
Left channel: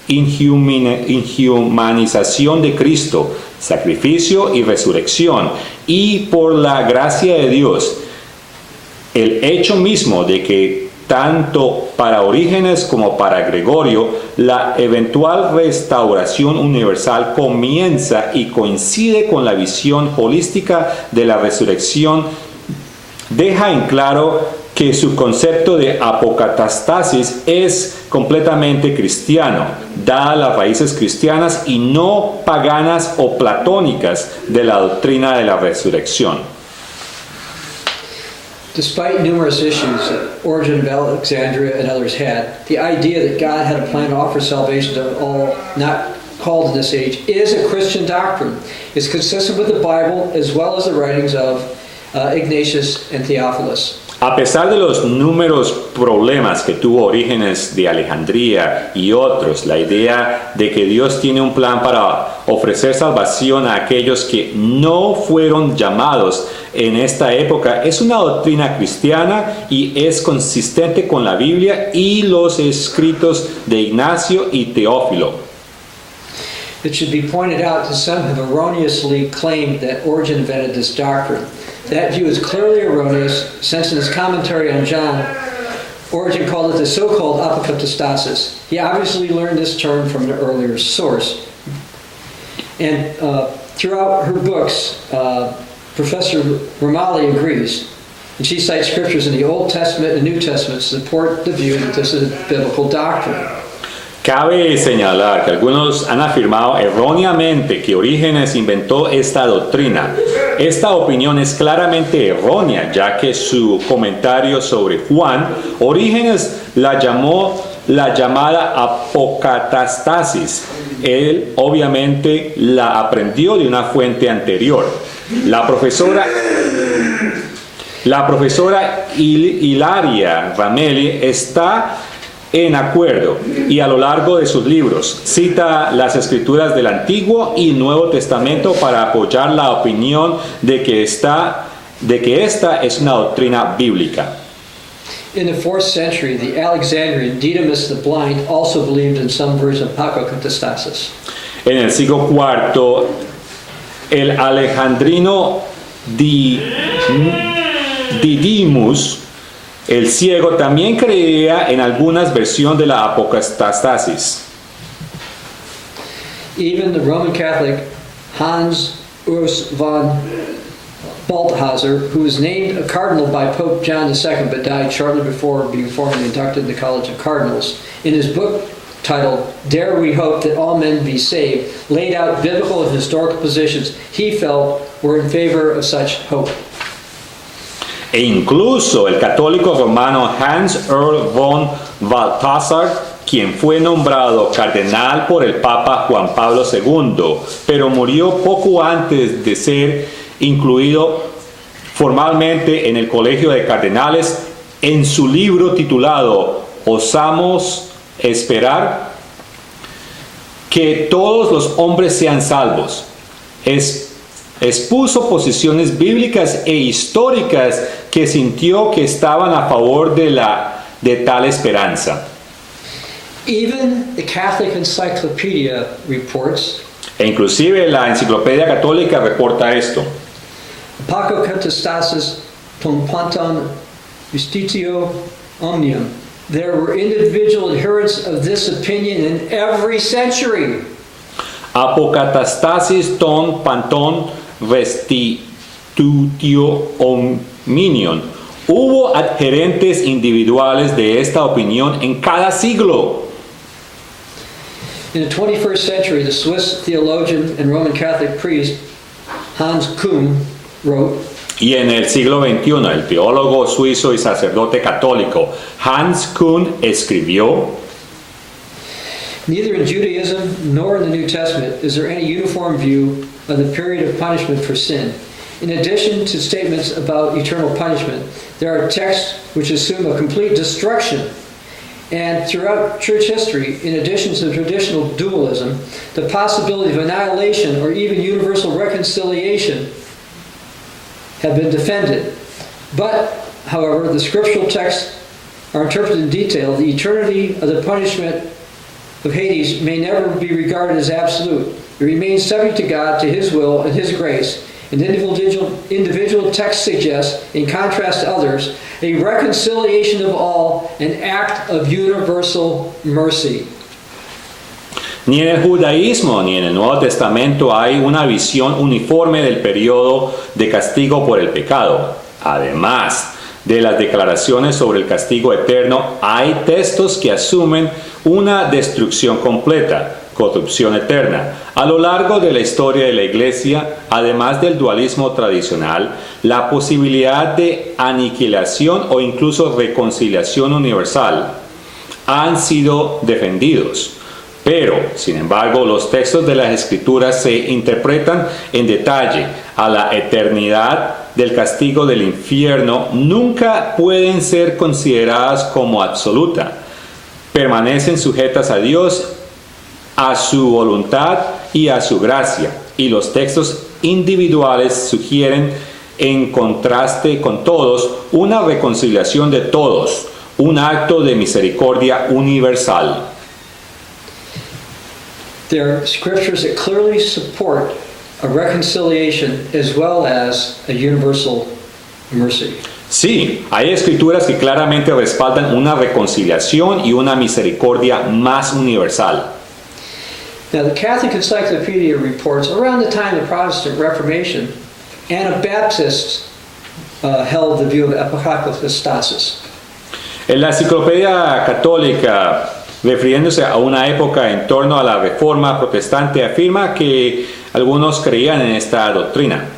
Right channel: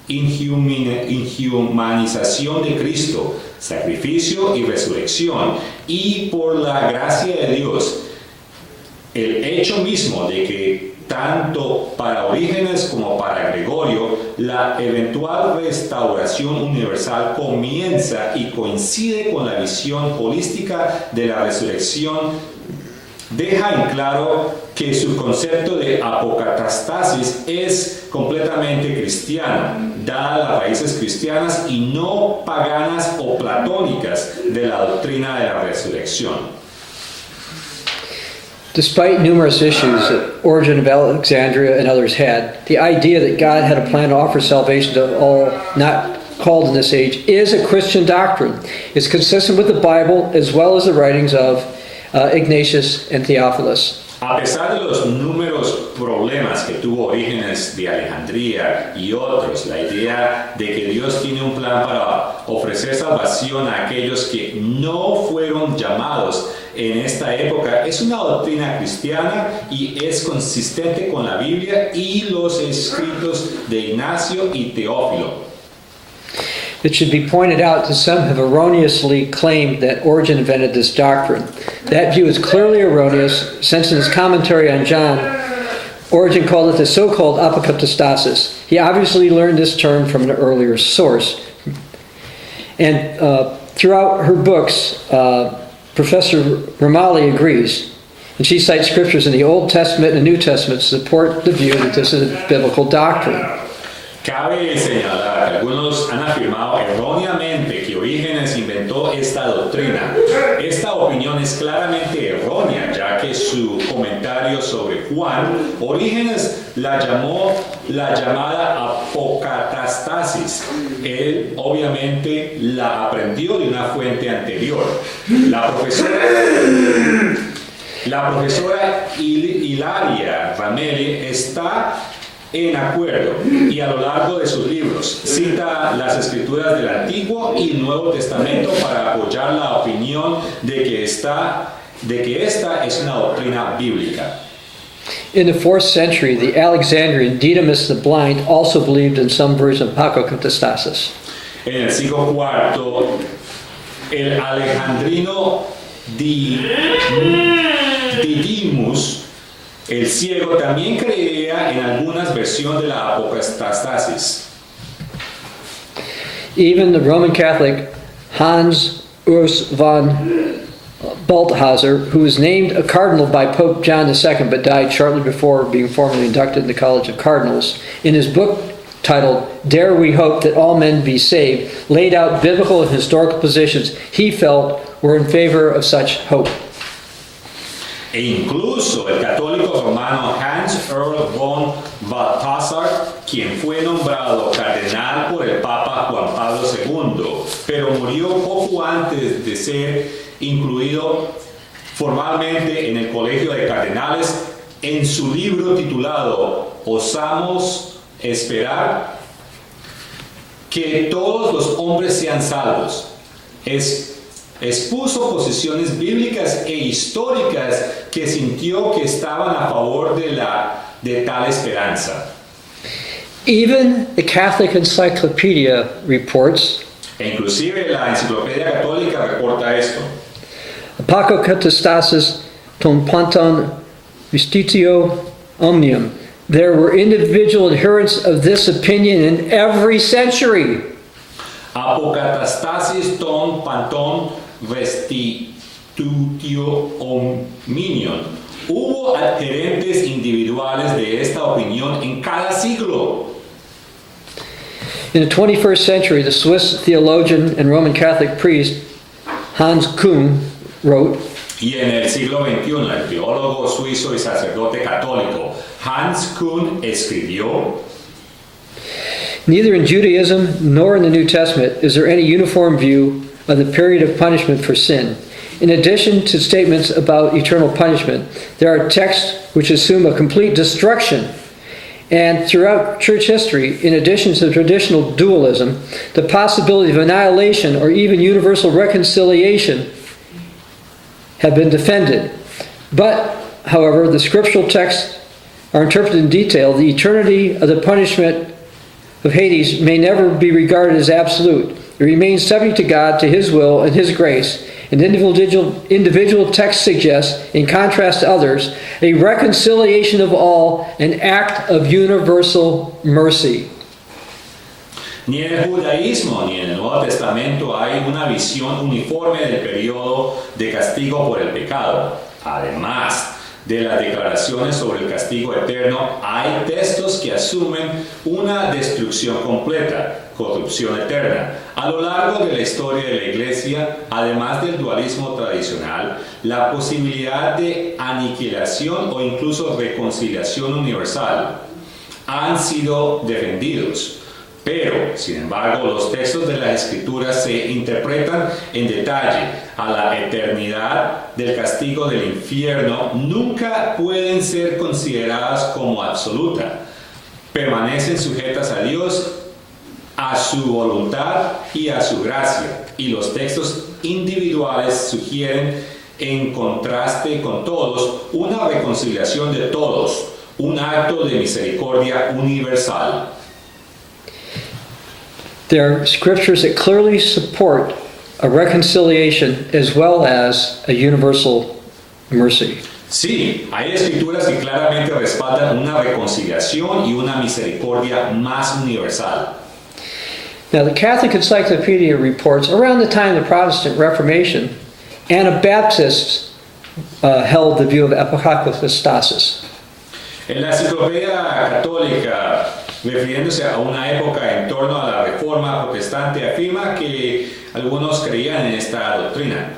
inhumanización de Cristo, sacrificio y resurrección, y por la gracia de Dios. El hecho mismo de que tanto para Orígenes como para Gregorio, la eventual restauración universal comienza y coincide con la visión holística de la resurrección, deja en claro que su concepto de apocatastasis es completamente cristiano, dadas las raíces cristianas y no paganas o platónicas de la doctrina de la resurrección. Despite numerous issues that Origen of Alexandria and others had, the idea that God had a plan to offer salvation to all not called in this age is a Christian doctrine. It's consistent with the Bible as well as the writings of Ignatius and Theophilus. A pesar de los números problemas que tuvo Orígenes de Alejandría y otros, la idea de que Dios tiene un plan para ofrecer salvación a aquellos que no fueron llamados en esta época es una doctrina cristiana y es consistente con la Biblia y los escritos de Ignacio y Teófilo. It should be pointed out that some have erroneously claimed that Origen invented this doctrine. That view is clearly erroneous, since in his commentary on John, Origen called it the so-called apokatastasis. He obviously learned this term from an earlier source. And throughout her books, Professor Ramalli agrees. And she cites scriptures in the Old Testament and New Testament to support the view that this is a biblical doctrine. Cabe señalar que algunos han afirmado erróneamente que Orígenes inventó esta doctrina. Esta opinión es claramente errónea, ya que su comentario sobre Juan, Orígenes la llamó la llamada apocatastasis. Él obviamente la aprendió de una fuente anterior. La profesora Hilaria Ramelli está en acuerdo y a lo largo de sus libros cita las escrituras del Antiguo y Nuevo Testamento para apoyar la opinión de que esta es una doctrina bíblica. In the 4th century, the Alexandrian Didymus the Blind also believed in some version of apokatastasis. En el siglo IV, el alejandrino Didymus el ciego también creía en algunas versiones de la apocatastasis. Even the Roman Catholic Hans Urs von Balthasar, who was named a cardinal by Pope John II but died shortly before being formally inducted in the College of Cardinals, in his book titled Dare We Hope That All Men Be Saved, laid out biblical and historical positions he felt were in favor of such hope. E incluso el católico romano Hans Urs von Balthasar, quien fue nombrado cardenal por el Papa Juan Pablo II, pero murió poco antes de ser incluido formalmente en el Colegio de Cardenales, en su libro titulado ¿Osamos esperar que todos los hombres sean salvos? Expuso posiciones bíblicas e históricas que sintió que estaban a favor de tal esperanza. Even the Catholic Encyclopedia reports, E inclusive la Enciclopedia Católica reporta esto. Apokatastasis ton panton justitio omnium. There were individual adherents of this opinion in every century. Apokatastasis ton panton restitutio omnium. Hubo adherentes individuales de esta opinión en cada siglo. In the 21st century, the Swiss theologian and Roman Catholic priest Hans Küng wrote, Y en el siglo XXI, el teólogo suizo y sacerdote católico Hans Küng escribió: neither in Judaism nor in the New Testament is there any uniform view of the period of punishment for sin. In addition to statements about eternal punishment, there are texts which assume a complete destruction. And throughout church history, in addition to traditional dualism, the possibility of annihilation or even universal reconciliation have been defended. But, however, the scriptural texts are interpreted in detail. The eternity of the punishment of Hades may never be regarded as absolute. It remains subject to God, to His will and His grace. And individual text suggests, in contrast to others, a reconciliation of all, an act of universal mercy. Ni en el judaísmo ni en el Nuevo Testamento hay una visión uniforme del periodo de castigo por el pecado. Además de las declaraciones sobre el castigo eterno, hay textos que asumen una destrucción completa, corrupción eterna. A lo largo de la historia de la Iglesia, además del dualismo tradicional, la posibilidad de aniquilación o incluso reconciliación universal han sido defendidos. Pero, sin embargo, los textos de las Escrituras se interpretan en detalle. A la eternidad del castigo del infierno nunca pueden ser consideradas como absoluta. Permanecen sujetas a Dios, a su voluntad y a su gracia. Y los textos individuales sugieren, en contraste con todos, una reconciliación de todos, un acto de misericordia universal. There are scriptures that clearly support a reconciliation as well as a universal mercy. Sí, hay escrituras que claramente respaldan una reconciliación y una misericordia más universal. Now, the Catholic Encyclopedia reports around the time of the Protestant Reformation, Anabaptists held the view of apokatastasis. En la enciclopedia católica, refiriéndose a una época en torno a la Reforma protestante, afirma que algunos creían en esta doctrina.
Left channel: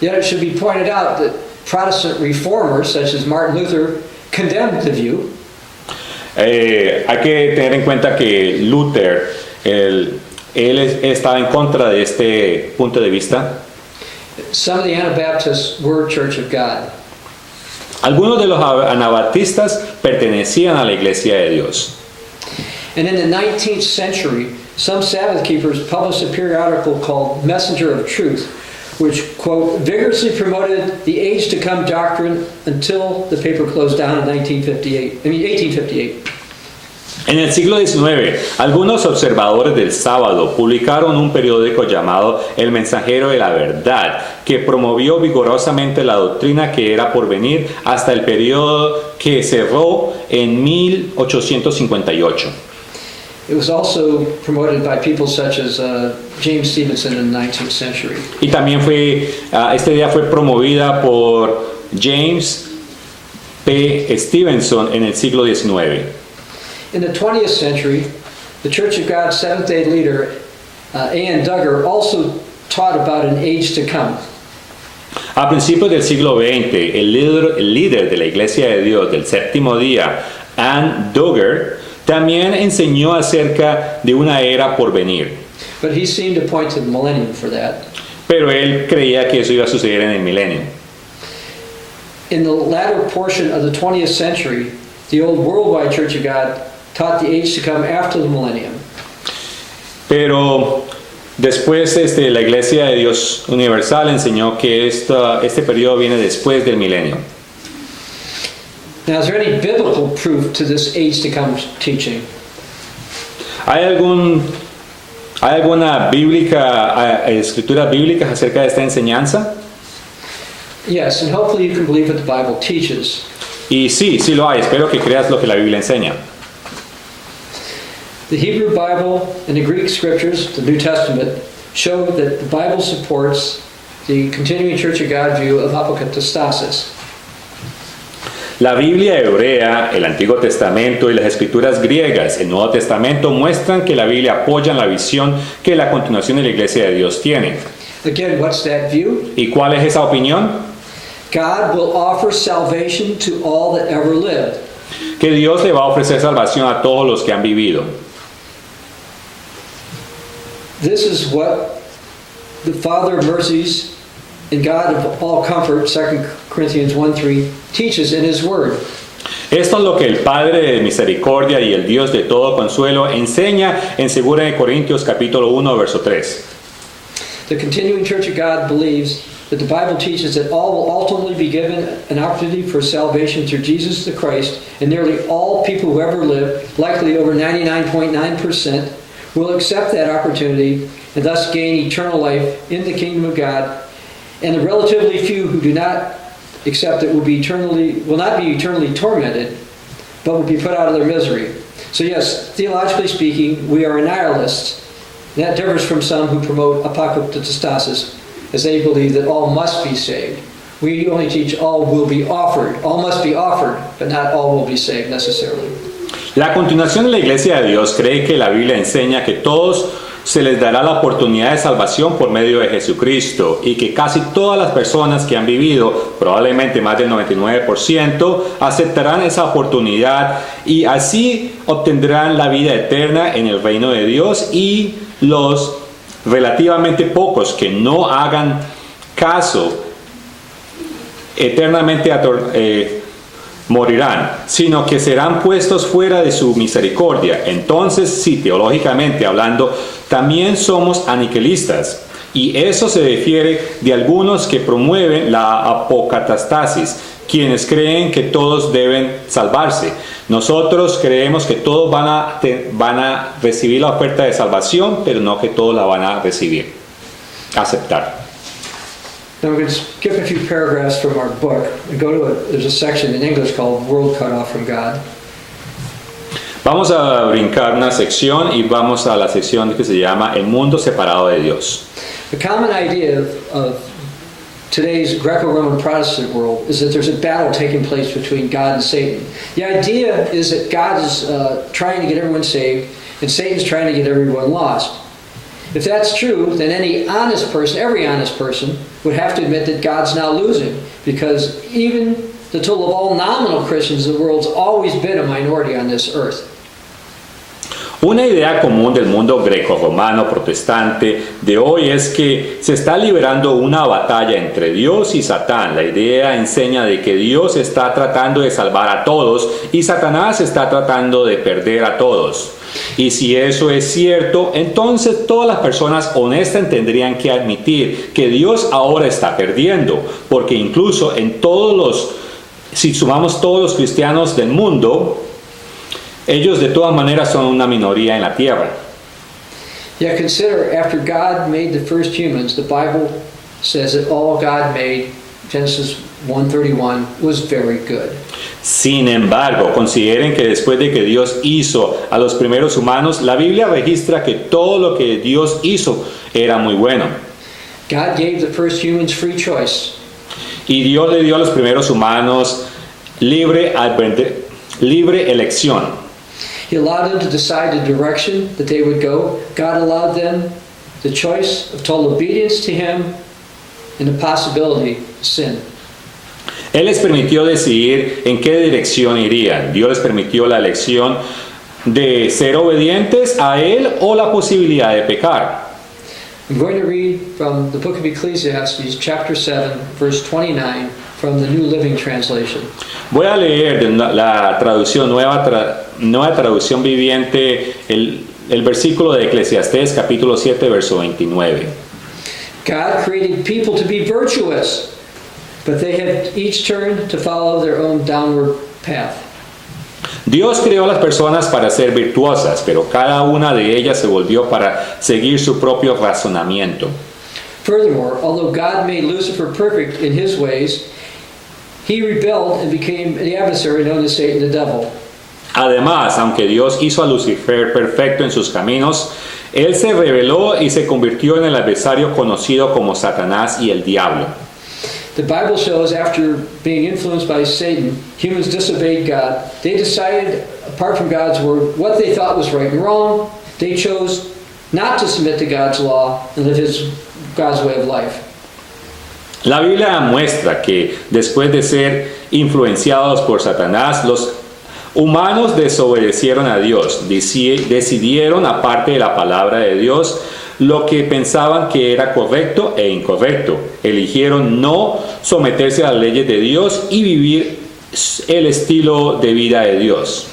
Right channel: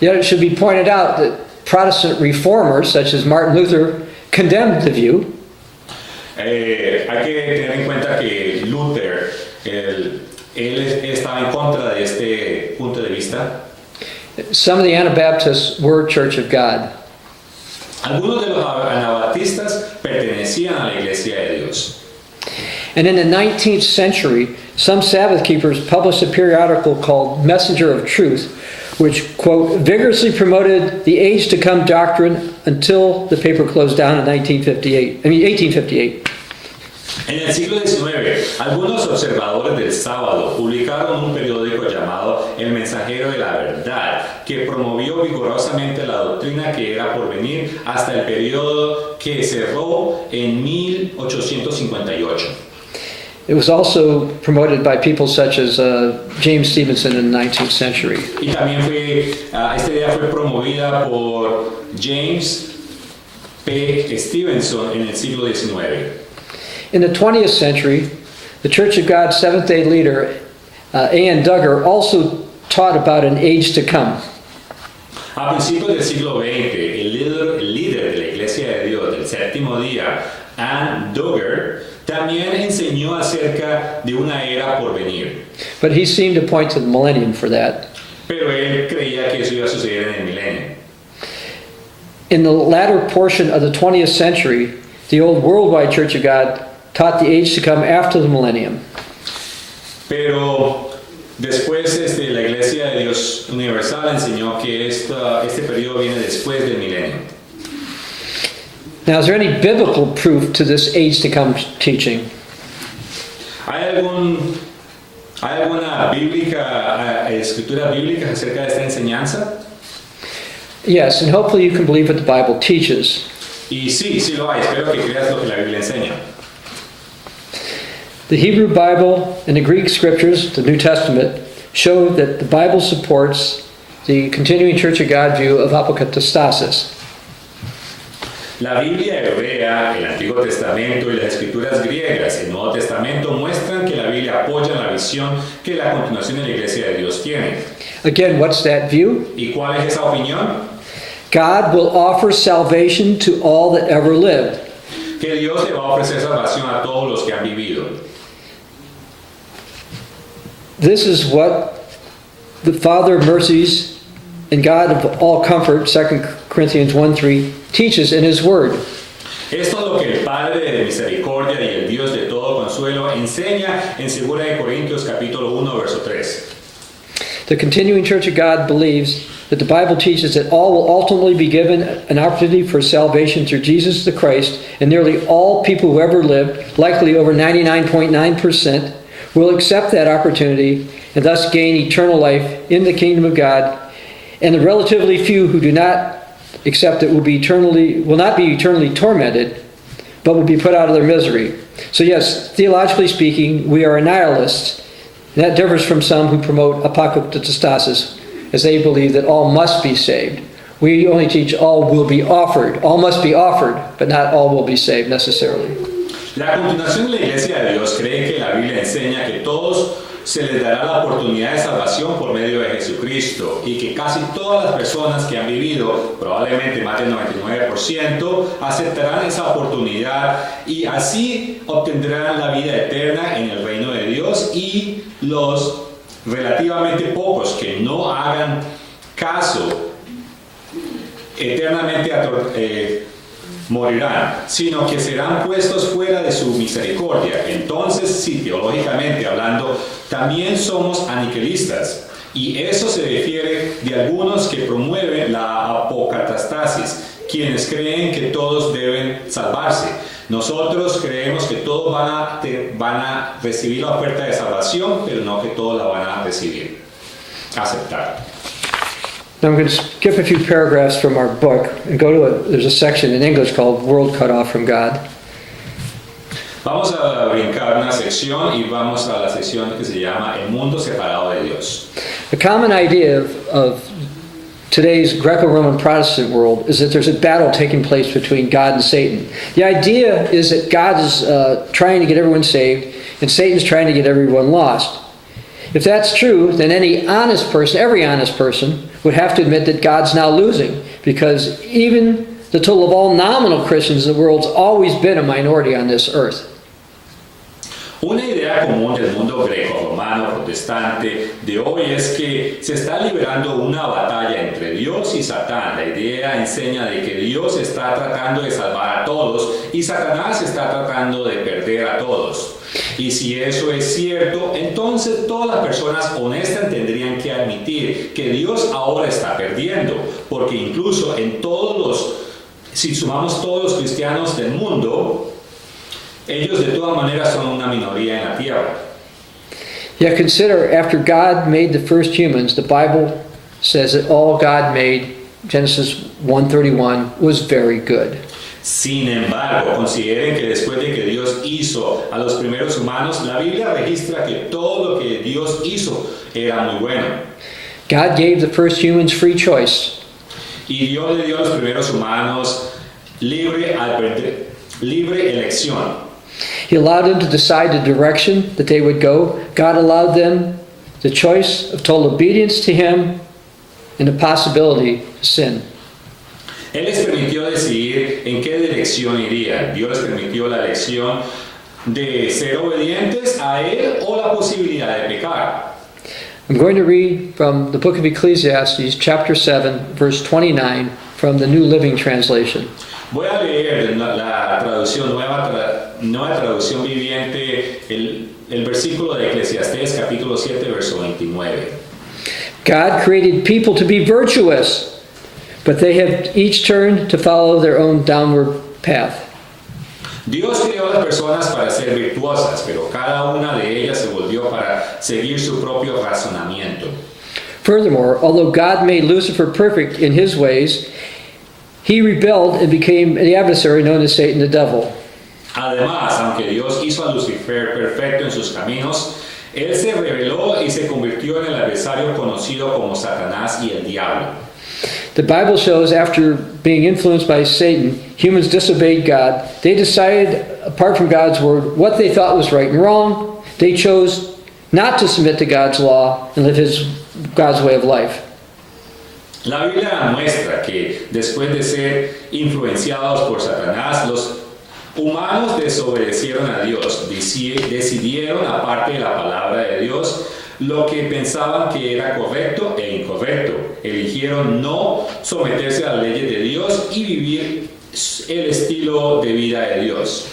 Yet it should be pointed out that Protestant reformers, such as Martin Luther, condemned the view. Hay que tener en cuenta que Luther, él estaba en contra de este punto de vista. Some of the Anabaptists were Church of God. Algunos de los anabaptistas pertenecían a la Iglesia de Dios. And in the 19th century, some Sabbath keepers published a periodical called Messenger of Truth, which, quote, vigorously promoted the age to come doctrine until the paper closed down in 1858. En el siglo XIX, algunos observadores del sábado publicaron un periódico llamado El Mensajero de la Verdad, que promovió vigorosamente la doctrina que era por venir hasta el periodo que cerró en 1858. It was also promoted by people such as James Stevenson in the 19th century. Y también esta idea fue promovida por James P. Stevenson en el siglo XIX. In the 20th century, the Church of God Seventh-day leader A.N. Duggar also taught about an age to come. A principios del siglo XX, el líder de la Iglesia de Dios del Séptimo Día, A.N. Duggar, también enseñó acerca de una era por venir. But he seemed to point to the millennium for that. Pero él creía que eso iba a suceder en el milenio. In the latter portion of the 20th century, the old worldwide Church of God taught the age to come after the millennium. Pero después la Iglesia de Dios Universal enseñó que este periodo viene después del milenio. Now, is there any biblical proof to this age to come teaching? ¿Hay alguna escritura bíblica acerca de esta enseñanza? Yes, and hopefully you can believe what the Bible teaches. Y sí lo hay. Espero que creas lo que la Biblia enseña. The Hebrew Bible and the Greek scriptures, the New Testament, show that the Bible supports the continuing Church of God view of apokatastasis. La Biblia hebrea, el Antiguo Testamento y las escrituras griegas, el Nuevo Testamento, muestran que la Biblia apoya la visión que la continuación de la Iglesia de Dios tiene. Again, what's that view? ¿Y cuál es esa opinión? God will offer salvation to all that ever lived. Que Dios le va a ofrecer salvación a todos los que han vivido. This is what the Father of mercies and God of all comfort, 2 Corinthians 1:3, teaches in His Word. Esto es lo que el Padre de misericordia y el Dios de todo consuelo enseña en 2 Corintios capítulo 1, verso 3. The continuing Church of God believes that the Bible teaches that all will ultimately be given an opportunity for salvation through Jesus the Christ, and nearly all people who ever lived, likely over 99.9%, will accept that opportunity and thus gain eternal life in the kingdom of God. And the relatively few who do not accept it will not be eternally tormented, but will be put out of their misery. So yes, theologically speaking, we are nihilists. And that differs from some who promote apokatastasis, as they believe that all must be saved. We only teach all will be offered. All must be offered, but not all will be saved necessarily. La continuación de la Iglesia de Dios cree que la Biblia enseña que todos se les dará la oportunidad de salvación por medio de Jesucristo y que casi todas las personas que han vivido, probablemente más del 99%, aceptarán esa oportunidad y así obtendrán la vida eterna en el reino de Dios, y los relativamente pocos que no hagan caso eternamente morirán, sino que serán puestos fuera de su misericordia. Entonces, sí, teológicamente hablando, también somos aniquilistas, y eso se difiere de algunos que promueven la apokatastasis, quienes creen que todos deben salvarse. Nosotros creemos que todos van a recibir la oferta de salvación, pero no que todos la van a recibir, aceptar. Now I'm going to skip a few paragraphs from our book and go to there's a section in English called World Cut Off from God. Vamos a brincar una sección y vamos a la sección que se llama El mundo separado de Dios. The common idea of today's Greco-Roman Protestant world is that there's a battle taking place between God and Satan. The idea is that God is trying to get everyone saved and Satan's trying to get everyone lost. If that's true, then any honest person, every honest person, would have to admit that God's now losing, because even the total of all nominal Christians in the world's always been a minority on this earth. Una idea común del mundo greco-romano protestante de hoy es que se está librando una batalla entre Dios y Satán. La idea enseña de que Dios está tratando de salvar a todos y Satanás está tratando de perder a todos. Y si eso es cierto, entonces todas las personas honestas tendrían que admitir que Dios ahora está perdiendo, porque incluso si sumamos todos los cristianos del mundo, ellos de todas maneras son una minoría en la tierra. Yet consider, after God made the first humans, the Bible says that all God made, Genesis 1:31, was very good. Sin embargo, consideren que después de que Dios hizo a los primeros humanos, la Biblia registra que todo lo que Dios hizo era muy bueno. God gave the first humans free choice. Y Dios le dio a los primeros humanos libre elección. He allowed them to decide the direction that they would go. God allowed them the choice of total obedience to Him and the possibility of sin. Él les permitió decidir en qué dirección irían. Dios les permitió la elección de ser obedientes a Él o la posibilidad de pecar. I'm going to read from the book of Ecclesiastes, chapter 7, verse 29, from the New Living Translation. Voy a leer de la traducción nueva traducción viviente el versículo de Eclesiastés capítulo 7 verso 29. God created people to be virtuous, but they have each turned to follow their own downward path. Dios creó a las personas para ser virtuosas, pero cada una de ellas se volvió para seguir su propio razonamiento. Furthermore, although God made Lucifer perfect in his ways, he rebelled and became the adversary known as Satan the devil. Además, aunque Dios hizo a Lucifer perfecto en sus caminos, él se rebeló y se convirtió en el adversario conocido como Satanás y el diablo. The Bible shows after being influenced by Satan, humans disobeyed God. They decided, apart from God's word, what they thought was right and wrong. They chose not to submit to God's law and live God's way of life. La Biblia muestra que después de ser influenciados por Satanás, los humanos desobedecieron a Dios, decidieron, aparte de la palabra de Dios, lo que pensaban que era correcto e incorrecto. Eligieron no someterse a las leyes de Dios y vivir el estilo de vida de Dios.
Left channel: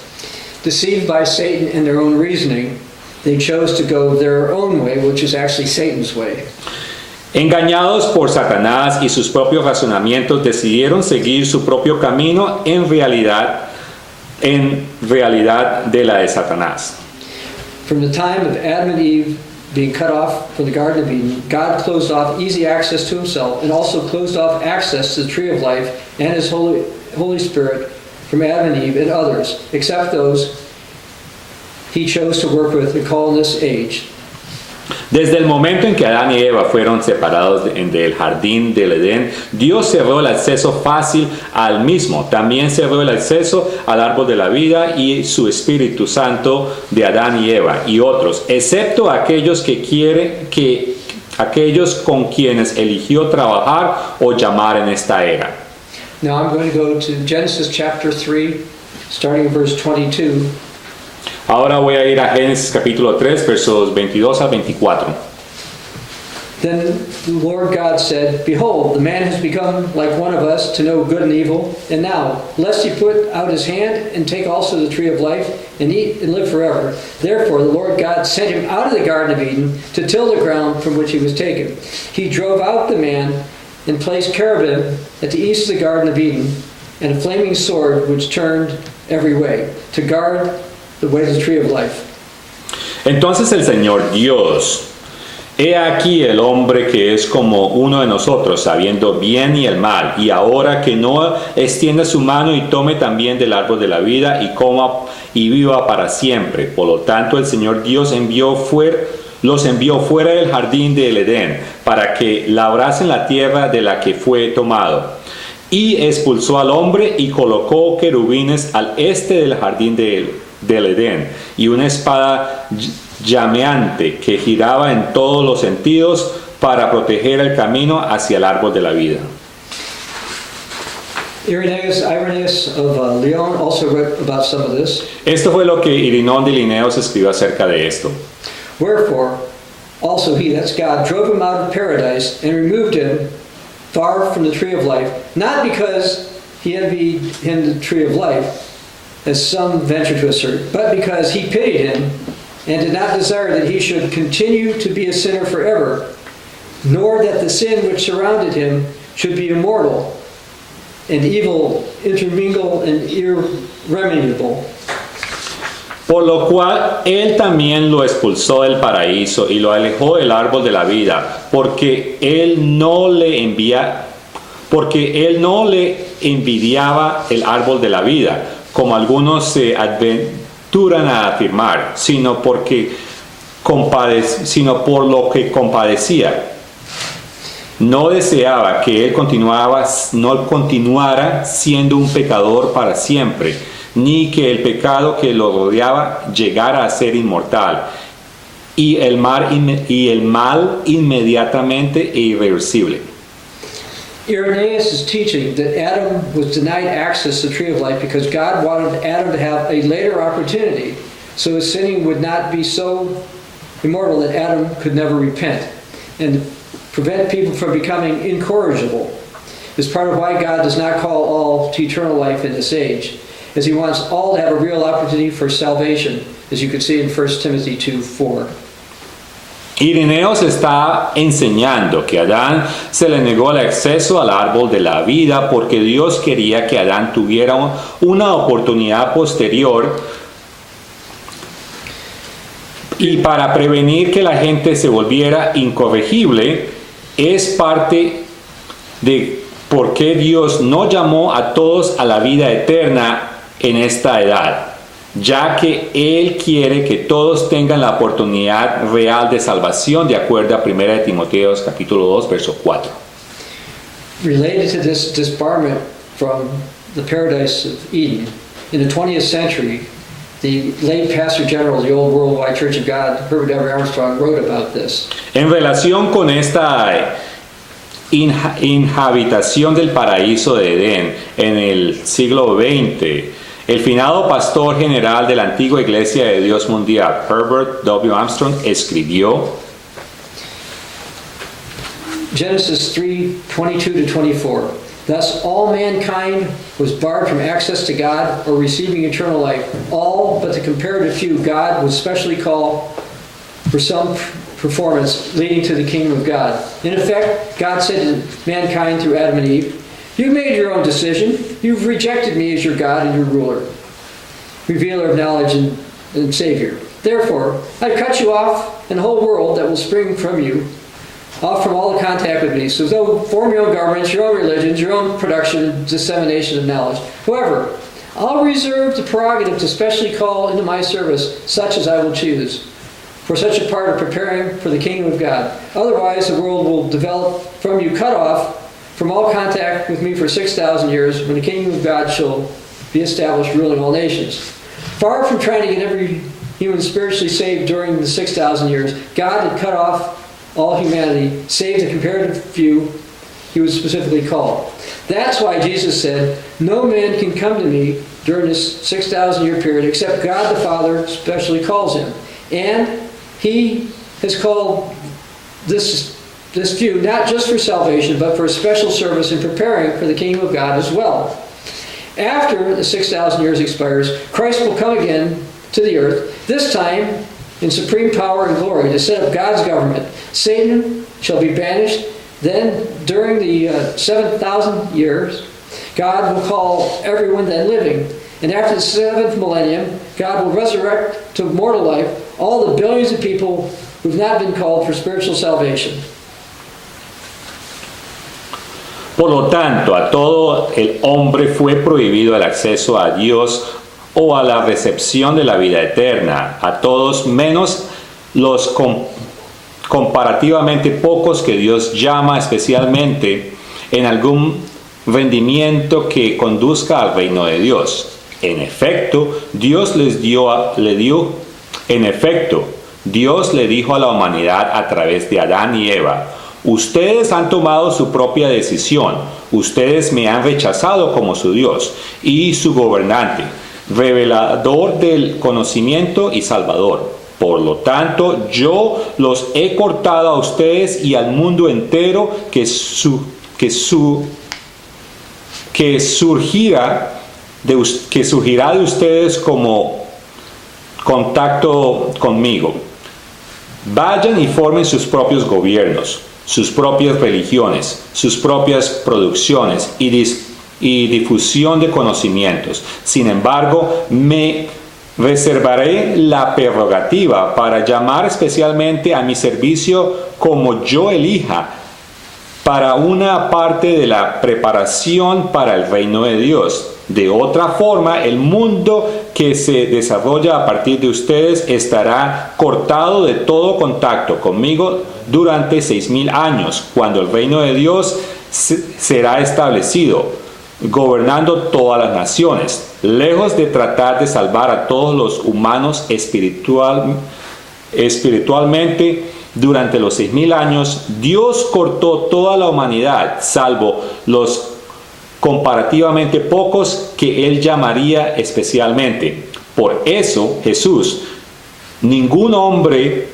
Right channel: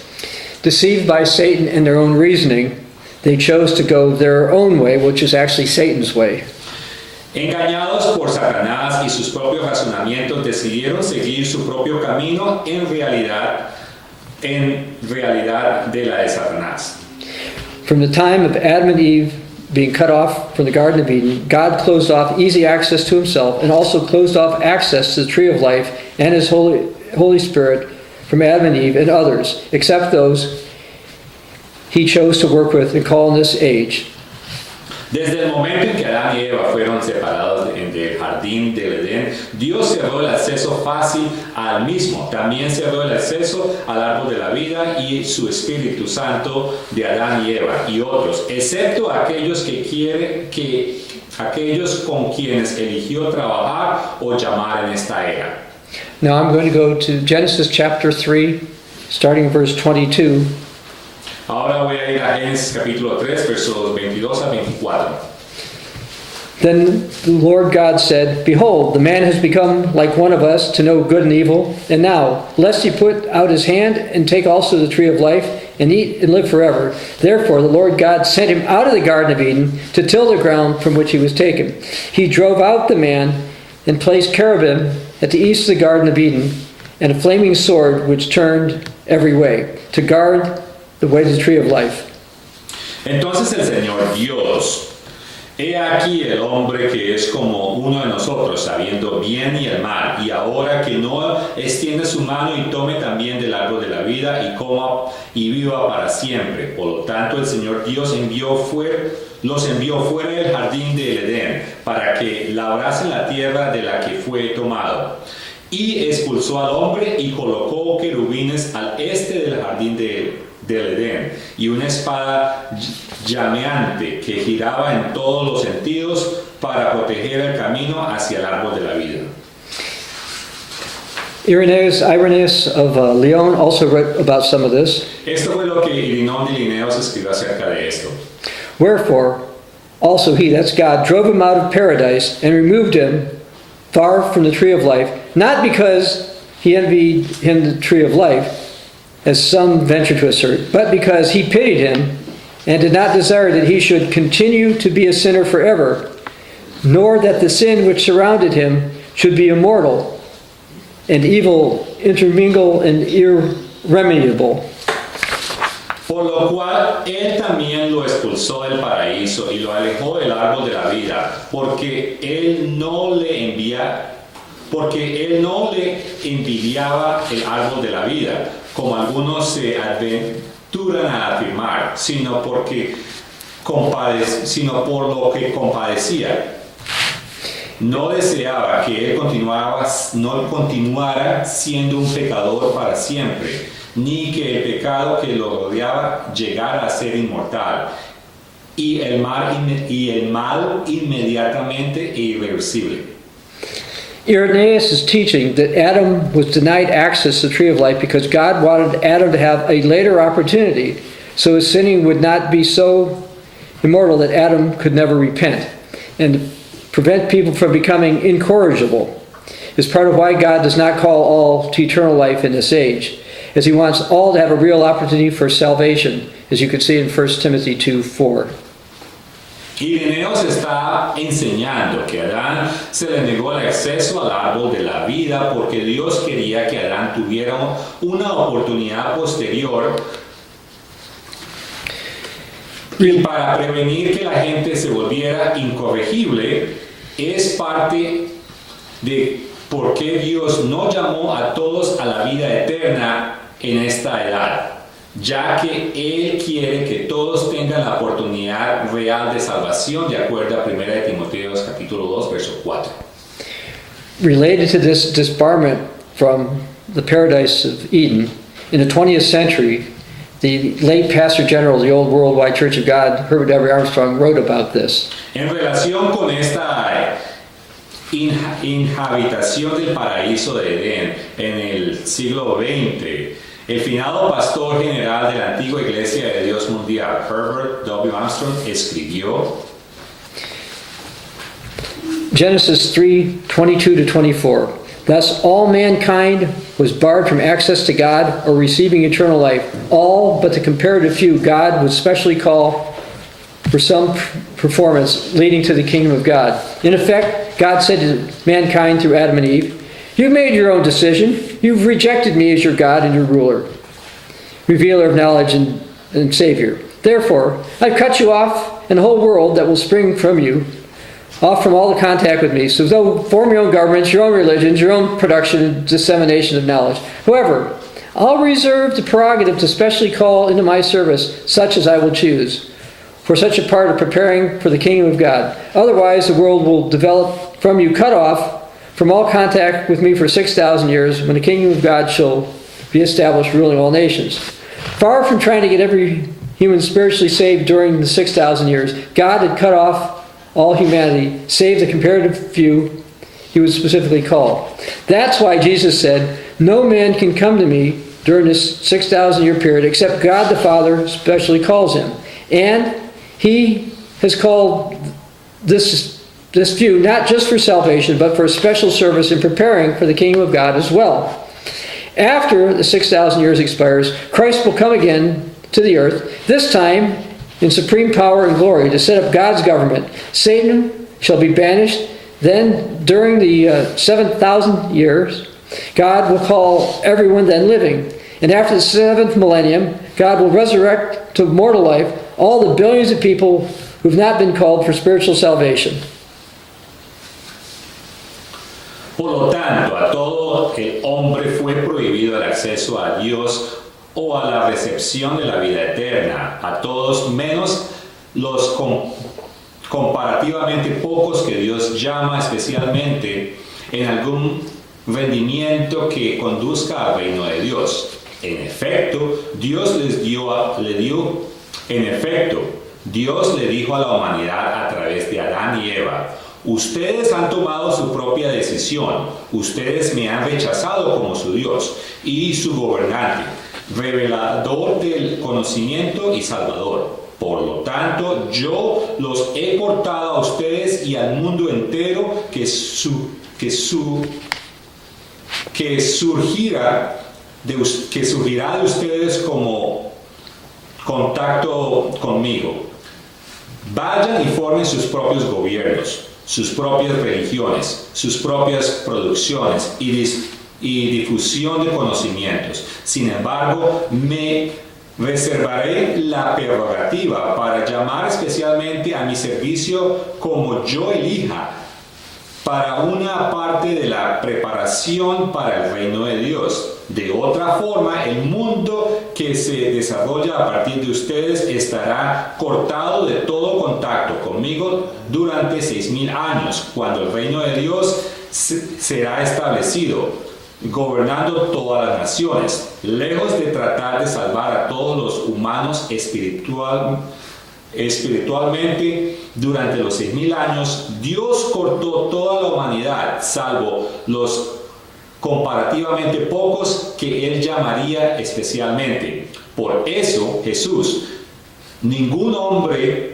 Deceived by Satan and their own reasoning, they chose to go their own way, which is actually Satan's way. Engañados por Satanás y sus propios razonamientos, decidieron seguir su propio camino en realidad de la de Satanás. From the time of Adam and Eve being cut off from the Garden of Eden, God closed off easy access to Himself and also closed off access to the tree of life and His Holy Spirit from Adam and Eve and others, except those He chose to work with and call in this age. Desde el momento en que Adán y Eva fueron separados del jardín del Edén, Dios cerró el acceso fácil al mismo. También cerró el acceso al árbol de la vida y su Espíritu Santo de Adán y Eva y otros, excepto aquellos aquellos con quienes eligió trabajar o llamar en esta era. Now I'm going to go to Genesis chapter 3, starting in verse 22. Ahora voy a ir a Génesis capítulo 3, versos 22 a 24. Then the Lord God said, Behold, the man has become like one of us to know good and evil. And now, lest he put out his hand and take also the tree of life and eat and live forever. Therefore the Lord God sent him out of the Garden of Eden to till the ground from which he was taken. He drove out the man and placed cherubim at the east of the Garden of Eden and a flaming sword which turned every way, to guard the way to the tree of life. Entonces el Señor Dios, he aquí el hombre que es como uno de nosotros, sabiendo bien y el mal, y ahora que no extienda su mano y tome también del árbol de la vida y coma y viva para siempre. Por lo tanto, el Señor Dios los envió fuera del jardín del Edén para que labrasen la tierra de la que fue tomado. Y expulsó al hombre y colocó querubines al este del jardín del Edén y una espada llameante que giraba en todos los sentidos para proteger el camino hacia el árbol de la vida. Irenaeus of Lyon also wrote about some of this. Esto fue lo que Irinón de Lineos escribió acerca de esto. Wherefore, also he, that's God, drove him out of paradise and removed him far from the tree of life, not because he envied him the tree of life, as some venture to assert, but because he pitied him and did not desire that he should continue to be a sinner forever, nor that the sin which surrounded him should be immortal and evil intermingle and irremediable. Por lo cual él también lo expulsó del paraíso y lo alejó del árbol de la vida, porque él no le envidiaba el árbol de la vida, como algunos se aventuran a afirmar, sino por lo que compadecía. No deseaba que él no continuara siendo un pecador para siempre, ni que el pecado que lo rodeaba llegara a ser inmortal, y el mal inmediatamente e irreversible. Irenaeus is teaching that Adam was denied access to the tree of life because God wanted Adam to have a later opportunity, so his sinning would not be so immortal that Adam could never repent, and prevent people from becoming incorrigible. Is part of why God does not call all to eternal life in this age, as he wants all to have a real opportunity for salvation, as you can see in 1 Timothy 2:4. Irenaeus está enseñando que a Adán se le negó el acceso al árbol de la vida porque Dios quería que Adán tuviera una oportunidad posterior y para prevenir que la gente se volviera incorregible. Es parte de por qué Dios no llamó a todos a la vida eterna en esta edad, ya que Él quiere que todos tengan la oportunidad real de salvación, de acuerdo a 1 Timoteo capítulo 2, verso 4. Related to this disbarment from the paradise of Eden, in the 20th century, the late Pastor General of the Old Worldwide Church of God, Herbert W. Armstrong, wrote about this. En relación con esta inhabitación del paraíso de Edén en el siglo XX, el finado pastor general de la antigua Iglesia de Dios Mundial, Herbert W. Armstrong, escribió: Genesis 3:22-24. Thus all mankind was barred from access to God or receiving eternal life. All but the comparative few God would specially call for some performance leading to the kingdom of God. In effect, God said to mankind through Adam and Eve, "You've made your own decision. You've rejected me as your God and your ruler, revealer of knowledge and Savior. Therefore, I've cut you off and the whole world that will spring from you, off from all the contact with me. So though form your own governments, your own religions, your own production and dissemination of knowledge. However, I'll reserve the prerogative to specially call into my service such as I will choose, for such a part of preparing for the kingdom of God. Otherwise, the world will develop from you cut off from all contact with me for 6,000 years, when the kingdom of God shall be established, ruling all nations." Far from trying to get every human spiritually saved during the 6,000 years, God had cut off all humanity, save the comparative few he would specifically call. That's why Jesus said, "No man can come to me during this 6,000-year period except God the Father specially calls him." And he has called this few not just for salvation, but for a special service in preparing for the kingdom of God as well. After the 6,000 years expires, Christ will come again to the earth, this time in supreme power and glory, to set up God's government. Satan shall be banished. Then, during the 7,000 years, God will call everyone then living And after the 7th millennium, God will resurrect to mortal life all the billions of people who've not been called for spiritual salvation. Por lo tanto, a todo el hombre fue prohibido el acceso a Dios o a la recepción de la vida eterna, a todos menos los comparativamente pocos que Dios llama especialmente en algún rendimiento que conduzca al reino de Dios. En efecto, Dios le dijo a la humanidad a través de Adán y Eva: ustedes han tomado su propia decisión, ustedes me han rechazado como su Dios y su gobernante, revelador del conocimiento y salvador. Por lo tanto, yo los he cortado a ustedes y al mundo entero que surgirá de ustedes como contacto conmigo. Vayan y formen sus propios gobiernos, sus propias religiones, sus propias producciones y difusión de conocimientos. Sin embargo, me reservaré la prerrogativa para llamar especialmente a mi servicio como yo elija, para una parte de la preparación para el reino de Dios. De otra forma, el mundo que se desarrolla a partir de ustedes estará cortado de todo contacto conmigo durante 6,000 años, cuando el reino de Dios será establecido, gobernando todas las naciones. Lejos de tratar de salvar a todos los humanos espiritualmente, durante los 6,000 años, Dios cortó toda la humanidad, salvo los comparativamente pocos que Él llamaría especialmente. Por eso, Jesús: ningún hombre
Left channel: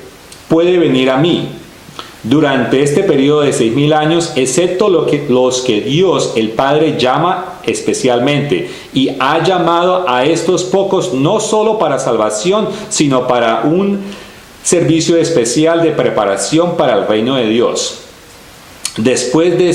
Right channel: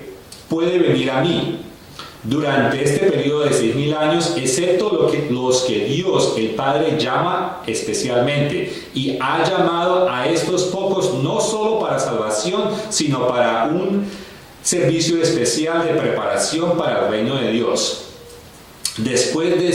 puede venir a mí durante este periodo de 6,000 años, excepto los que Dios el Padre llama especialmente, y ha llamado a estos pocos no solo para salvación, sino para un servicio especial de preparación para el reino de Dios. Después de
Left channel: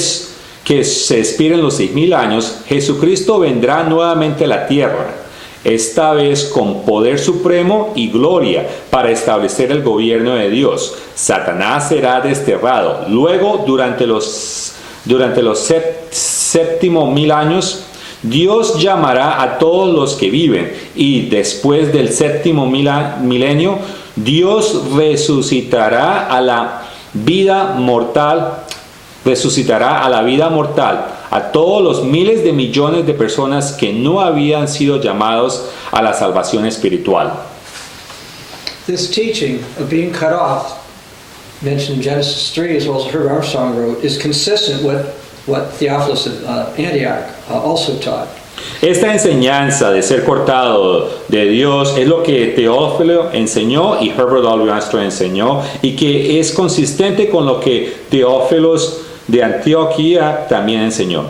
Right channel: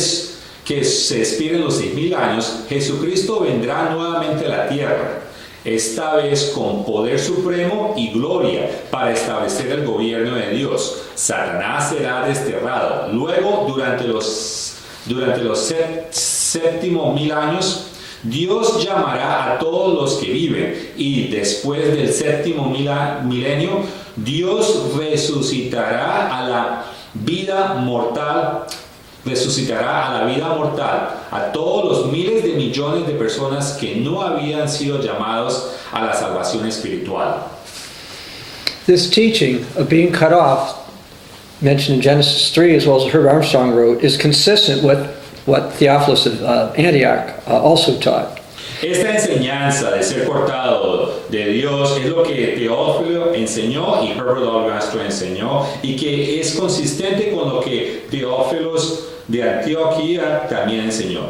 que se expiren los 6,000 años, Jesucristo vendrá nuevamente a la tierra, esta vez con poder supremo y gloria, para establecer el gobierno de Dios. Satanás será desterrado. Luego, durante los séptimos 1,000 años, Dios llamará a todos los que viven, y después del séptimo milenio, Dios resucitará a la vida mortal a todos los miles de millones de personas que no habían sido llamados a la salvación espiritual. This teaching of being cut off, mentioned in Genesis 3 as well as Herb Armstrong wrote, is consistent with what Theophilus of Antioch also taught. Esta enseñanza de ser cortado de Dios es lo que Teófilo enseñó y Herbert W. Armstrong enseñó, y que es consistente con lo que Teófilos de Antioquía también enseñó.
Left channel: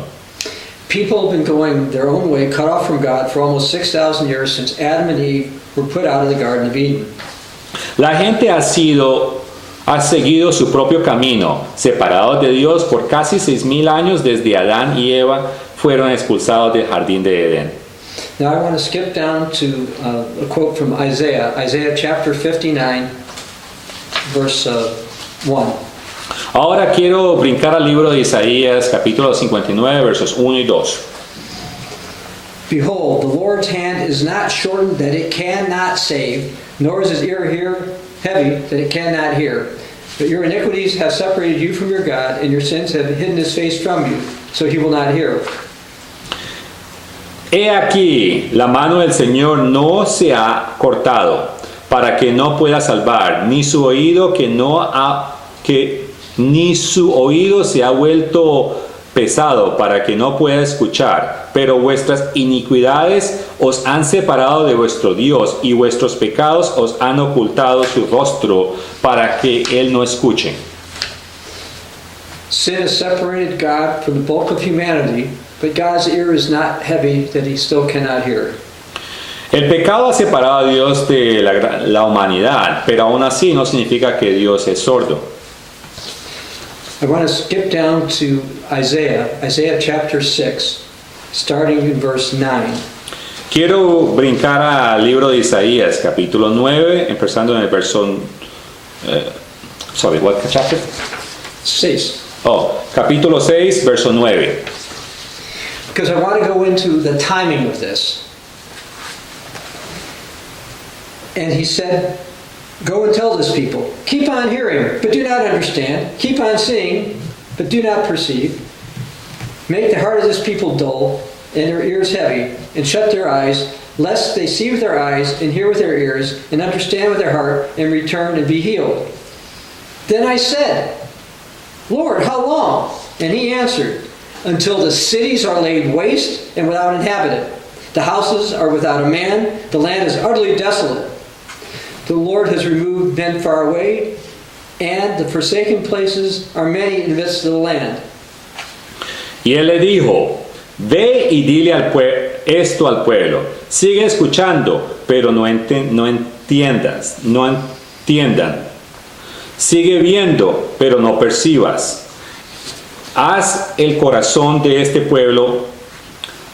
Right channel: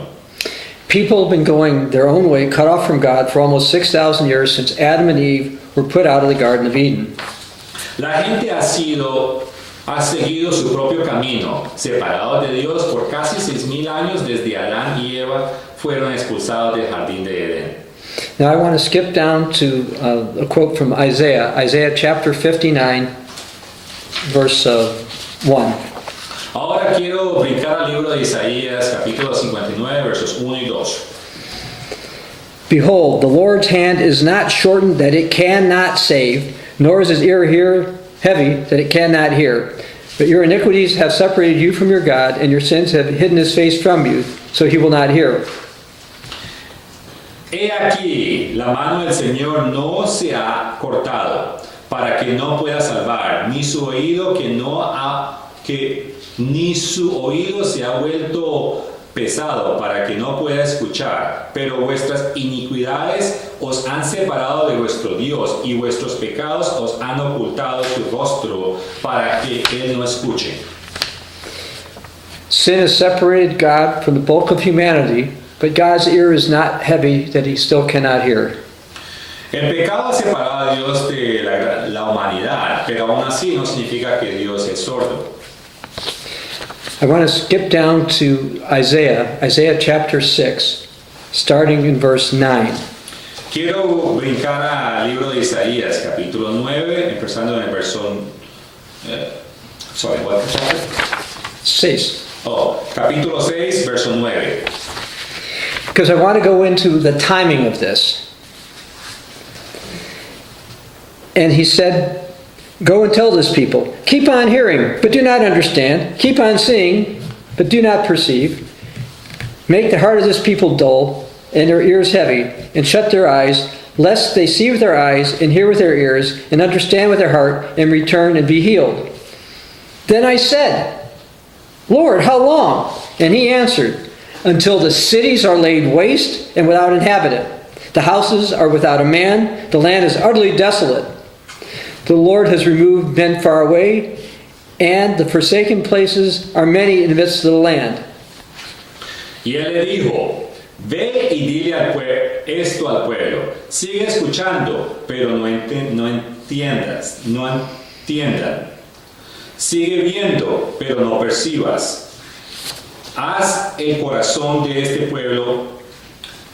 People have been going their own way, cut off from God, for almost 6,000 years since Adam and Eve were put out of the Garden of Eden. La gente ha seguido su propio camino, separados de Dios por casi 6,000 años desde Adán y Eva fueron expulsados del jardín de Edén. Now I want to skip down to a quote from Isaiah chapter 59, verse 1. Ahora quiero brincar al libro de Isaías, capítulo 59, versos 1 y 2. Behold, the Lord's hand is not shortened that it cannot save, nor is his ear heavy that it cannot hear. But your iniquities have separated you from your God, and your sins have hidden his face from you, so he will not hear. He aquí, la mano del Señor no se ha cortado, para que no pueda salvar, ni su oído ni su oído se ha vuelto pesado, para que no pueda escuchar. Pero vuestras iniquidades os han separado de vuestro Dios, y vuestros pecados os han ocultado su rostro, para que Él no escuche. Sin has separated God from the bulk of humanity, but God's ear is not heavy that he still cannot hear. El pecado ha separado a Dios de la humanidad, pero aún así no significa que Dios es sordo. I want to skip down to Isaiah chapter 6, starting in verse 9. Quiero brincar al libro de Isaías, capítulo 9, empezando en el verso... what chapter? 6. Capítulo 6, verso 9. Because I want to go into the timing of this. And he said, go and tell this people, keep on hearing, but do not understand. Keep on seeing, but do not perceive. Make the heart of this people dull, and their ears heavy, and shut their eyes, lest they see with their eyes, and hear with their ears, and understand with their heart, and return and be healed. Then I said, Lord, how long? And he answered, until the cities are laid waste and without inhabitant. The houses are without a man, the land is utterly desolate. The Lord has removed men far away, and the forsaken places are many in the midst of the land. Y él le dijo, ve y dile esto al pueblo. Sigue escuchando, pero no entiendan. Sigue viendo, pero no percibas. Haz el corazón de este pueblo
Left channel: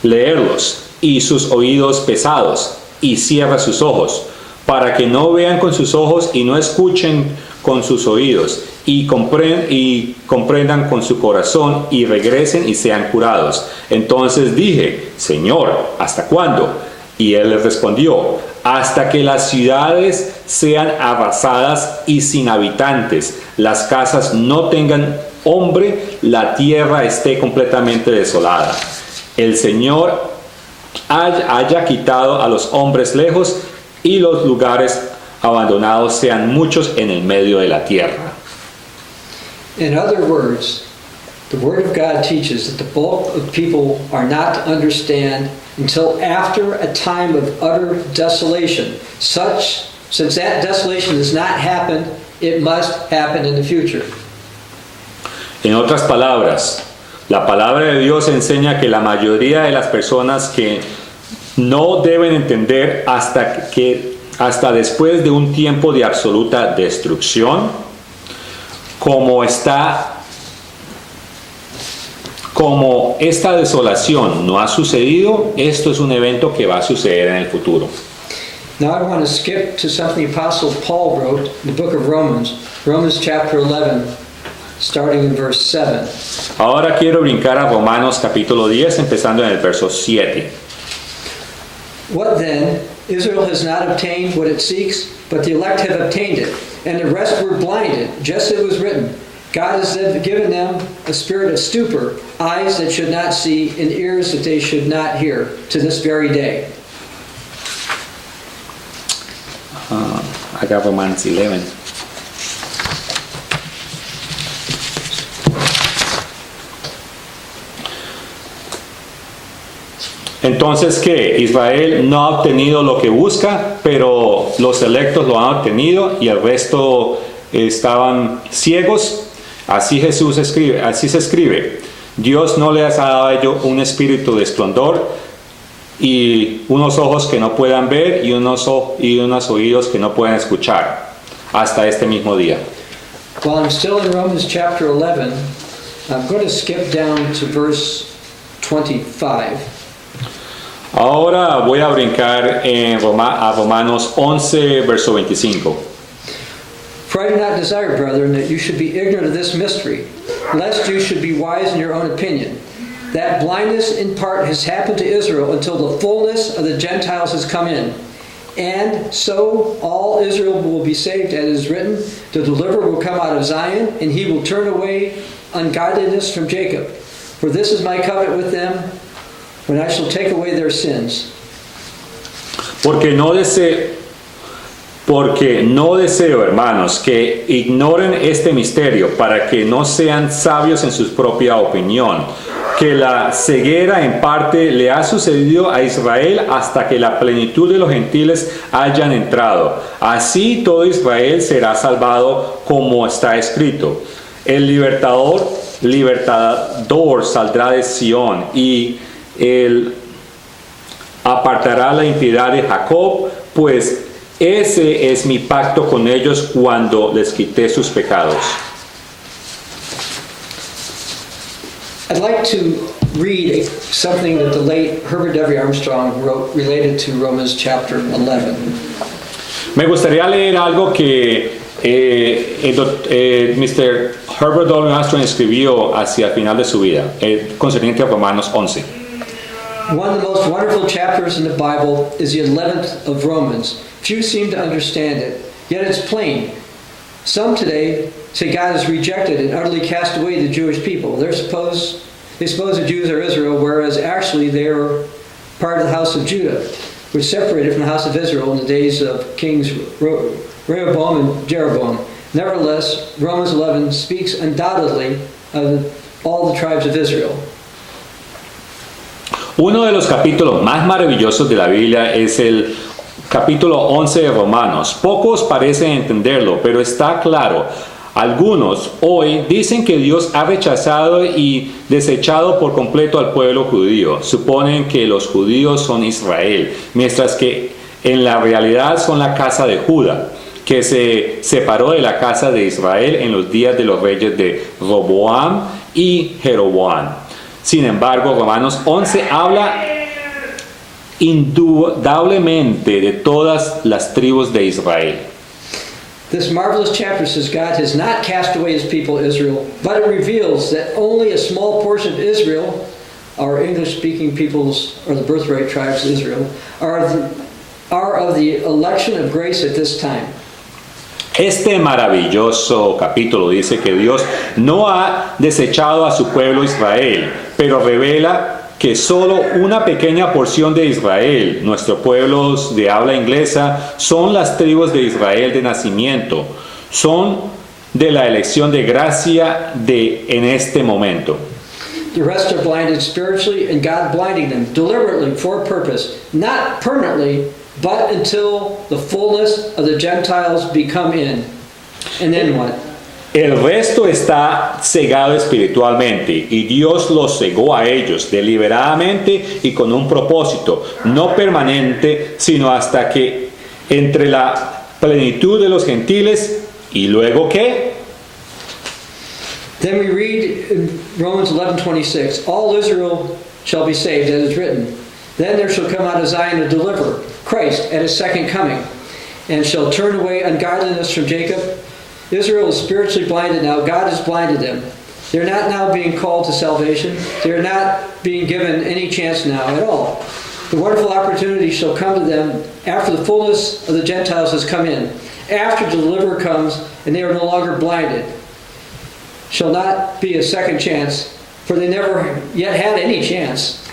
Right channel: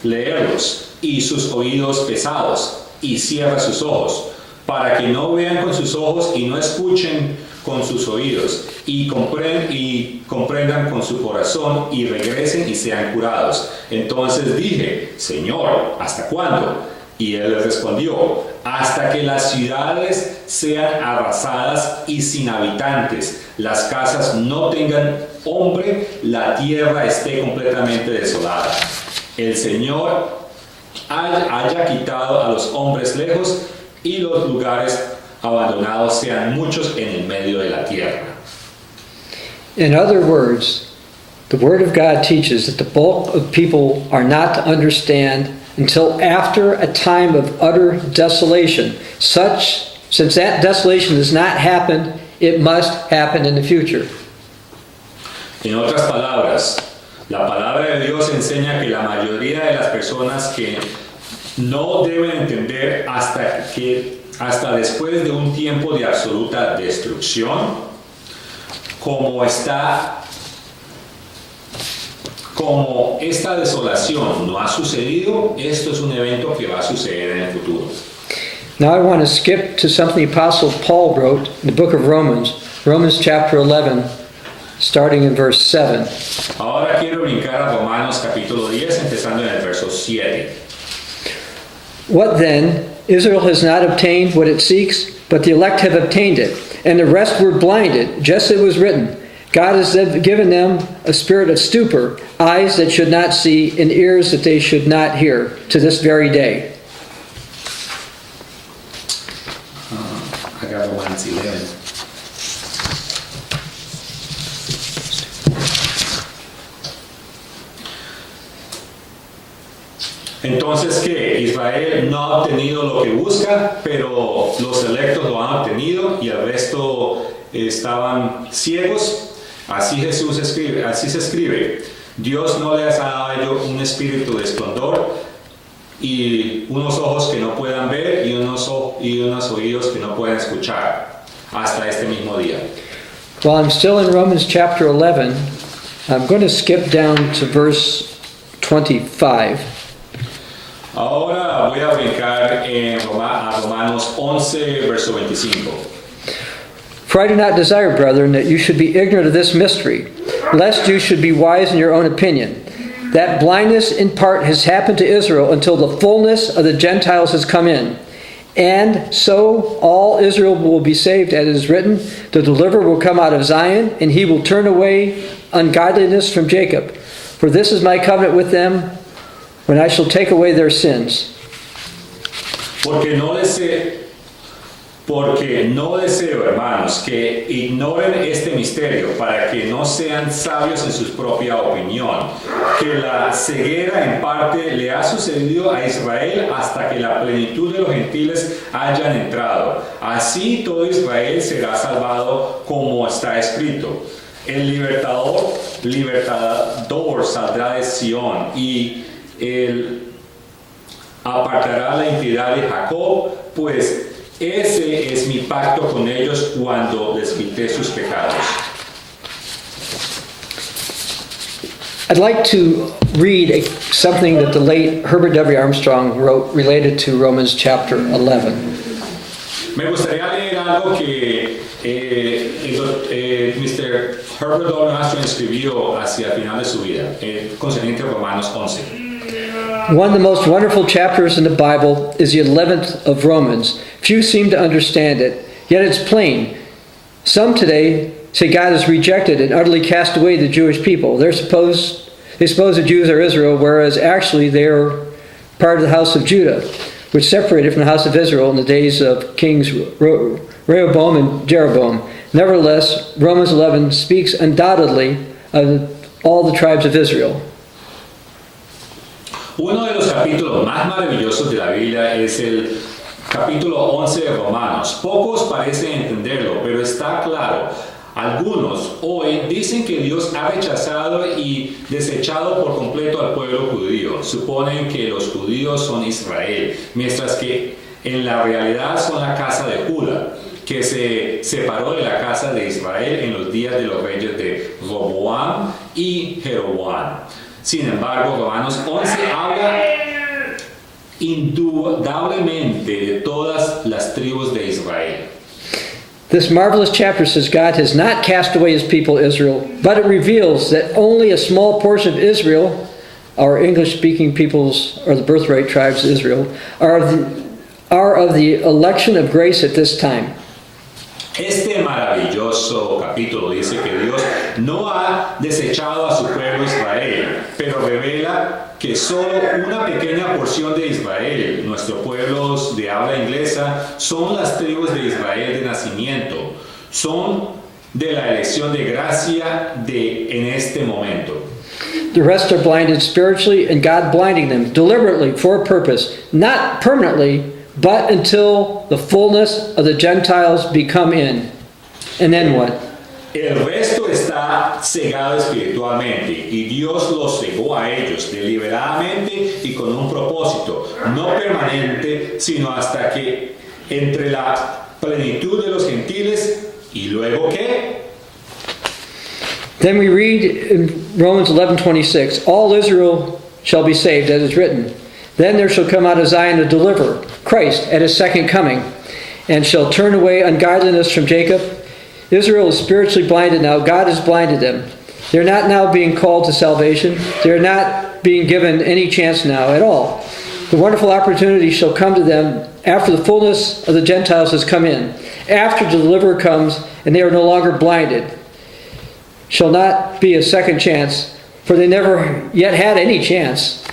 leerlos y sus oídos pesados, y cierra sus ojos, para que no vean con sus ojos y no escuchen con sus oídos, y comprendan con su corazón, y regresen y sean curados. Entonces dije, Señor, ¿hasta cuándo? Y él les respondió, hasta que las ciudades sean arrasadas y sin habitantes, las casas no tengan hombre, la tierra esté completamente desolada. El Señor haya quitado a los hombres lejos, y los lugares abandonados sean muchos en el medio de la tierra. In other words, the Word of God teaches that the bulk of people are not to understand until after a time of utter desolation. Since that desolation has not happened, it must happen in the future. En otras palabras, la palabra de Dios enseña que la mayoría de las personas que no deben entender hasta después de un tiempo de absoluta destrucción, como esta desolación no ha sucedido, esto es un evento que va a suceder en el futuro. Now I want to skip to something the Apostle Paul wrote in the book of Romans chapter 11, starting in verse 7. Ahora quiero brincar a Romanos capítulo 10, empezando en el verso 7. What then? Israel has not obtained what it seeks, but the elect have obtained it, and the rest were blinded, just as it was written. God has given them a spirit of stupor, eyes that should not see, and ears that they should not hear, to this very day. I got Romans 11. Entonces, ¿qué? Israel no ha obtenido lo que busca, pero los electos lo han obtenido y el resto estaban ciegos. Así se escribe. Dios no les ha dado a ellos un espíritu de esplendor y unos ojos que no puedan ver y unos oídos que no puedan escuchar hasta este mismo día. While I'm still in Romans chapter 11, I'm going to skip down to verse 25. Ahora voy a brincar a Romanos 11, verso 25. For I do not desire, brethren, that you should be ignorant of this mystery, lest you should be wise in your own opinion. That blindness in part has happened to Israel until the fullness of the Gentiles has come in. And so all Israel will be saved, as it is written, the deliverer will come out of Zion, and he will turn away ungodliness from Jacob. For this is my covenant with them, when I shall take away their sins. Porque no deseo, hermanos, que ignoren este misterio, para que no sean sabios en su propia opinión, que la ceguera en parte le ha sucedido a Israel hasta que la plenitud de los gentiles hayan entrado. Así todo Israel será salvado, como está escrito. El libertador saldrá de Sión, y él apartará la impiedad de Jacob, pues ese es mi pacto con ellos cuando les quité sus pecados. I'd like to read something that the late Herbert W. Armstrong wrote related to Romans chapter 11. Me gustaría leer algo que Mr. Herbert W. Armstrong escribió hacia el final de su vida, concerniente a Romanos 11. One of the most wonderful chapters in the Bible is the 11th of Romans. Few seem to understand it, yet it's plain. Some today say God has rejected and utterly cast away the Jewish people. They suppose the Jews are Israel, whereas actually they are part of the house of Judah, which separated from the house of Israel in the days of kings Rehoboam and Jeroboam. Nevertheless, Romans 11 speaks undoubtedly of all the tribes of Israel. Uno de los capítulos más maravillosos de la Biblia es el capítulo 11 de Romanos. Pocos parecen entenderlo, pero está claro. Algunos hoy dicen que Dios ha rechazado y desechado por completo al pueblo judío. Suponen que los judíos son Israel, mientras que en la realidad son la casa de Judá, que se separó de la casa de Israel en los días de los reyes de Roboam y Jeroboam. Sin embargo, Romanos 11 habla indudablemente de todas las tribus de Israel. This marvelous chapter says God has not cast away his people Israel, but it reveals that only a small portion of Israel, our English-speaking peoples, or the birthright tribes of Israel, are of the election of grace at this time. Este maravilloso capítulo dice que Dios no ha desechado a su pueblo Israel, pero revela que solo una pequeña porción de Israel, nuestros pueblos de habla inglesa, son las tribus de Israel de nacimiento, son de la elección de gracia en este momento. The rest are blinded spiritually, and God blinding them deliberately for a purpose, not permanently, but until the fullness of the Gentiles become in. And then what? El resto está cegado espiritualmente y Dios los cegó a ellos deliberadamente y con un propósito, no permanente, sino hasta que entre la plenitud de los gentiles y luego ¿qué? Then we read in Romans 11:26, all Israel shall be saved, as is written. Then there shall come out of Zion a deliverer, Christ, at his second coming, and shall turn away ungodliness from Jacob. Israel is spiritually blinded now. God has blinded them. They're not now being called to salvation. They're not being given any chance now at all. The wonderful opportunity shall come to them after the fullness of the Gentiles has come in. After the deliverer comes and they are no longer blinded. Shall not be a second chance, for they never yet had any chance.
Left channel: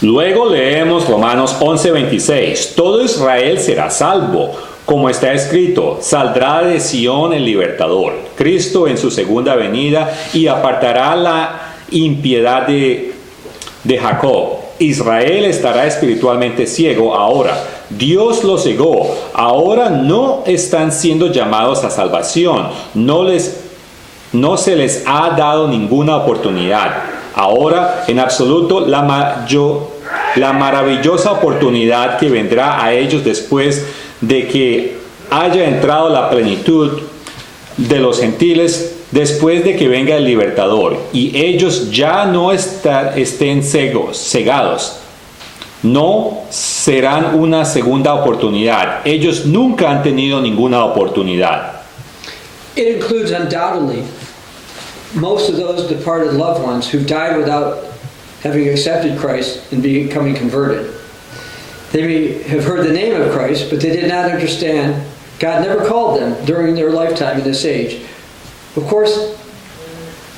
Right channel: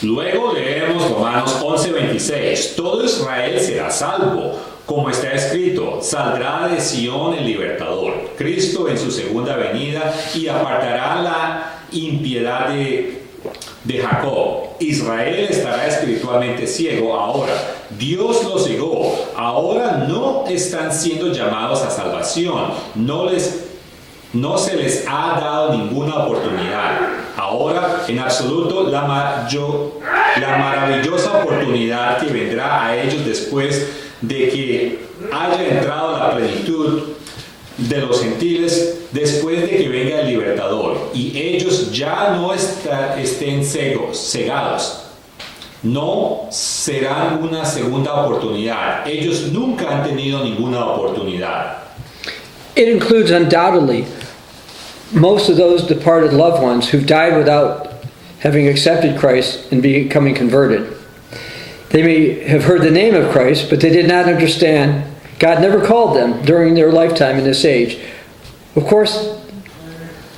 Luego leemos Romanos 11:26. Todo Israel será salvo. Como está escrito, saldrá de Sión el libertador, Cristo en su segunda venida, y apartará la impiedad de Jacob. Israel estará espiritualmente ciego ahora. Dios lo cegó. Ahora no están siendo llamados a salvación. No se les ha dado ninguna oportunidad. Ahora, en absoluto, la maravillosa oportunidad que vendrá a ellos después de que haya entrado la plenitud de los gentiles, después de que venga el libertador, y ellos ya no estén cegados. No serán una segunda oportunidad. Ellos nunca han tenido ninguna oportunidad. It includes undoubtedly most of those departed loved ones who died without having accepted Christ and becoming converted. They may have heard the name of Christ, but they did not understand. God never called them during their lifetime in this age. Of course,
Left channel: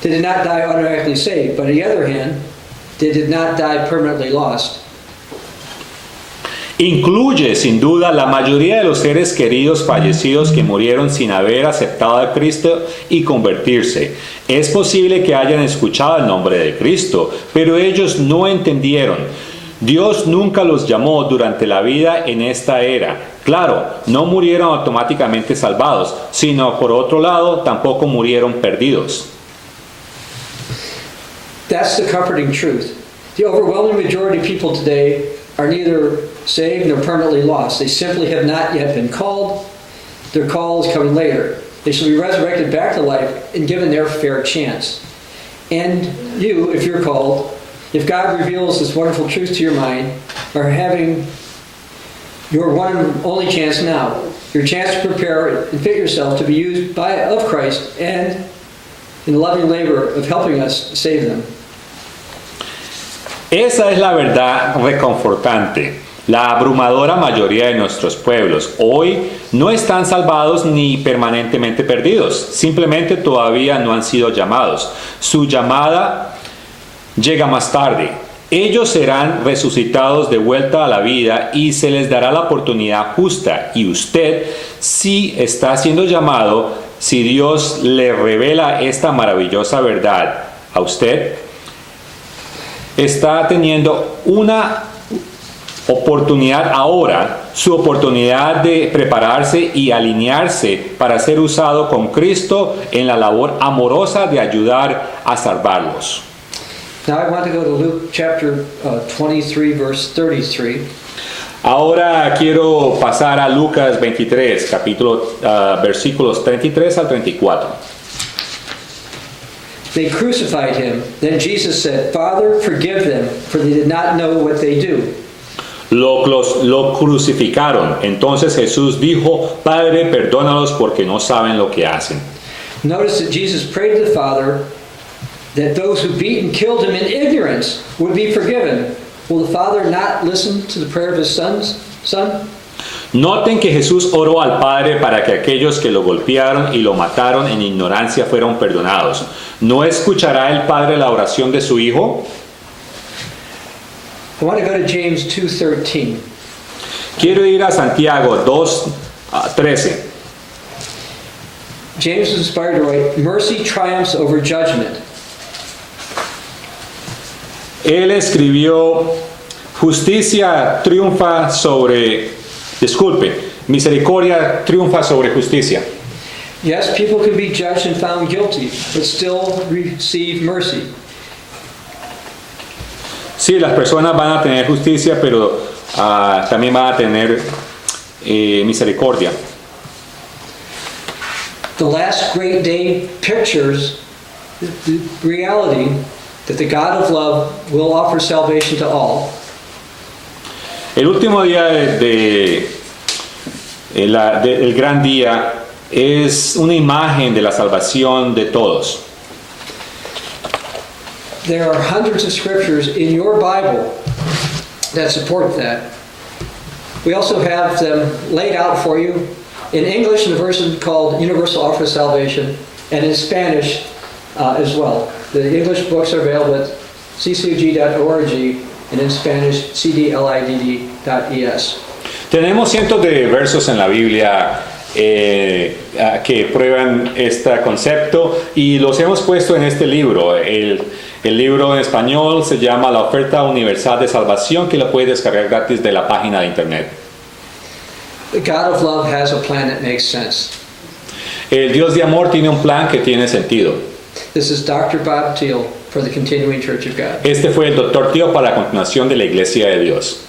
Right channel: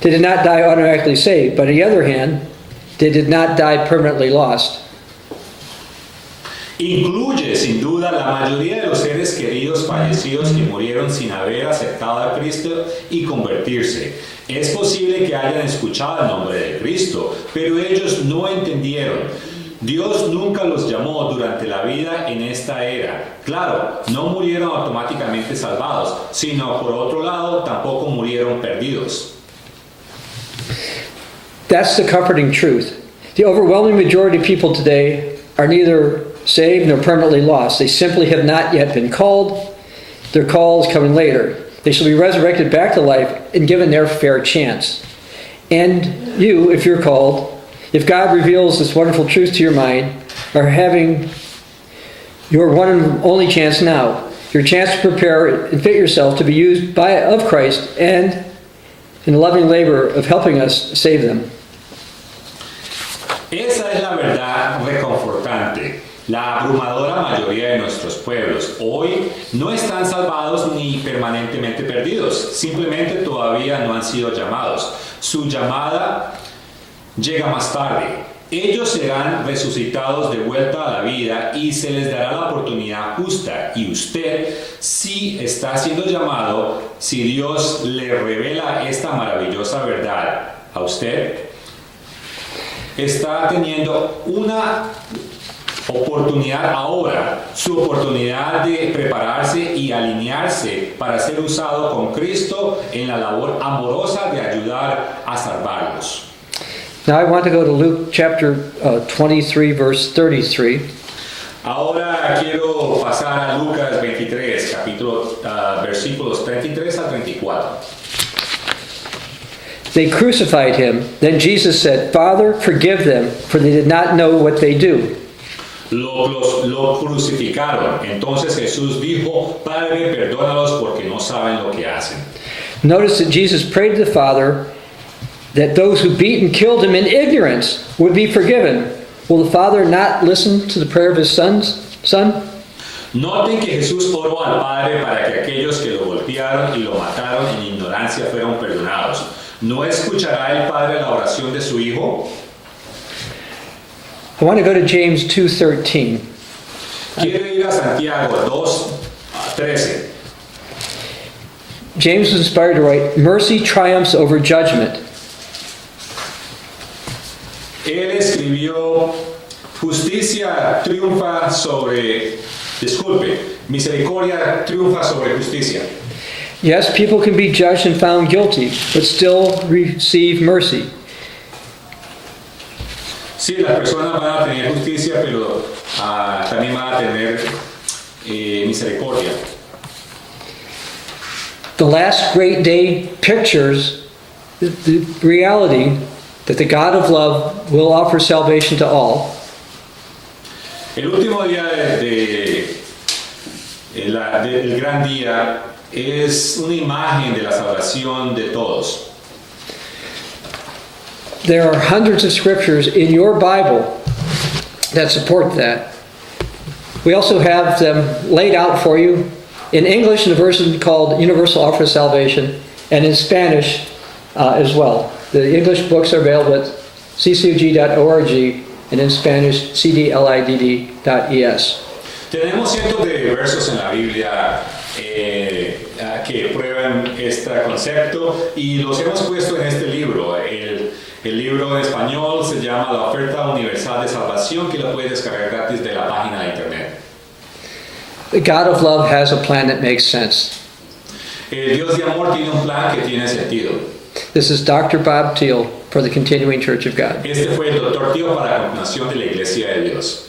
they did not die automatically saved, but on the other hand, they did not die permanently lost. Incluye sin duda la mayoría de los seres queridos fallecidos que murieron sin haber aceptado a Cristo y convertirse. Es posible que hayan escuchado el nombre de Cristo, pero ellos no entendieron. Dios nunca los llamó durante la vida en esta era. Claro, no murieron automáticamente salvados, sino por otro lado tampoco murieron perdidos. That's the comforting truth. The overwhelming majority of people today are neither saved nor permanently lost. They simply have not yet been called. Their call is coming later. They shall be resurrected back to life and given their fair chance. And you, if you're called, if God reveals this wonderful truth to your mind, are having your one and only chance now. Your chance to prepare and fit yourself to be used of Christ and in the loving labor of helping us save them. Esa es la verdad reconfortante. La abrumadora mayoría de nuestros pueblos hoy no están salvados ni permanentemente perdidos, simplemente todavía no han sido llamados. Su llamada llega más tarde. Ellos serán resucitados de vuelta a la vida y se les dará la oportunidad justa. Y usted, si está siendo llamado, si Dios le revela esta maravillosa verdad a usted, está teniendo una oportunidad ahora, su oportunidad de prepararse y alinearse para ser usado con Cristo en la labor amorosa de ayudar a salvarlos. Now I want to go to Luke chapter 23, verse 33. Ahora quiero pasar a Lucas 23, versículos 33 al 34. They crucified him. Then Jesus said, Father, forgive them, for they did not know what they do. Lo crucificaron. Entonces Jesús dijo, Padre, perdónalos porque no saben lo que hacen. Notice that Jesus prayed to the Father that those who beat and killed him in ignorance would be forgiven. Will the Father not listen to the prayer of his son? Noten que Jesús oró al Padre para que aquellos que lo golpearon y lo mataron en ignorancia fueron perdonados. ¿No escuchará el Padre la oración de su Hijo? I want to go to James 2:13. Quiero ir a Santiago 2:13. James was inspired to write, Mercy triumphs over judgment. Él escribió, misericordia triunfa sobre justicia. Yes, people can be judged and found guilty, but still receive mercy. Sí, las personas van a tener justicia, pero también van a tener misericordia. The last great day pictures the reality that the God of love will offer salvation to all. El último día del gran día es una imagen de la salvación de todos. There are hundreds of scriptures in your Bible that support that. We also have them laid out for you in English in a version called Universal Offer of Salvation, and in Spanish as well. The English books are available at ccug.org, and in Spanish, cdlidd.es. Tenemos cientos de versos en la Biblia que prueban este concepto y los hemos puesto en este libro. El libro en español se llama La Oferta Universal de Salvación, que lo puedes descargar gratis de la página de internet. The God of love has a plan that makes sense. El Dios de amor tiene un plan que tiene sentido. This is Dr. Bob Thiel for the Continuing Church of God. Este fue el Dr. Thiel para la continuación de la Iglesia de Dios.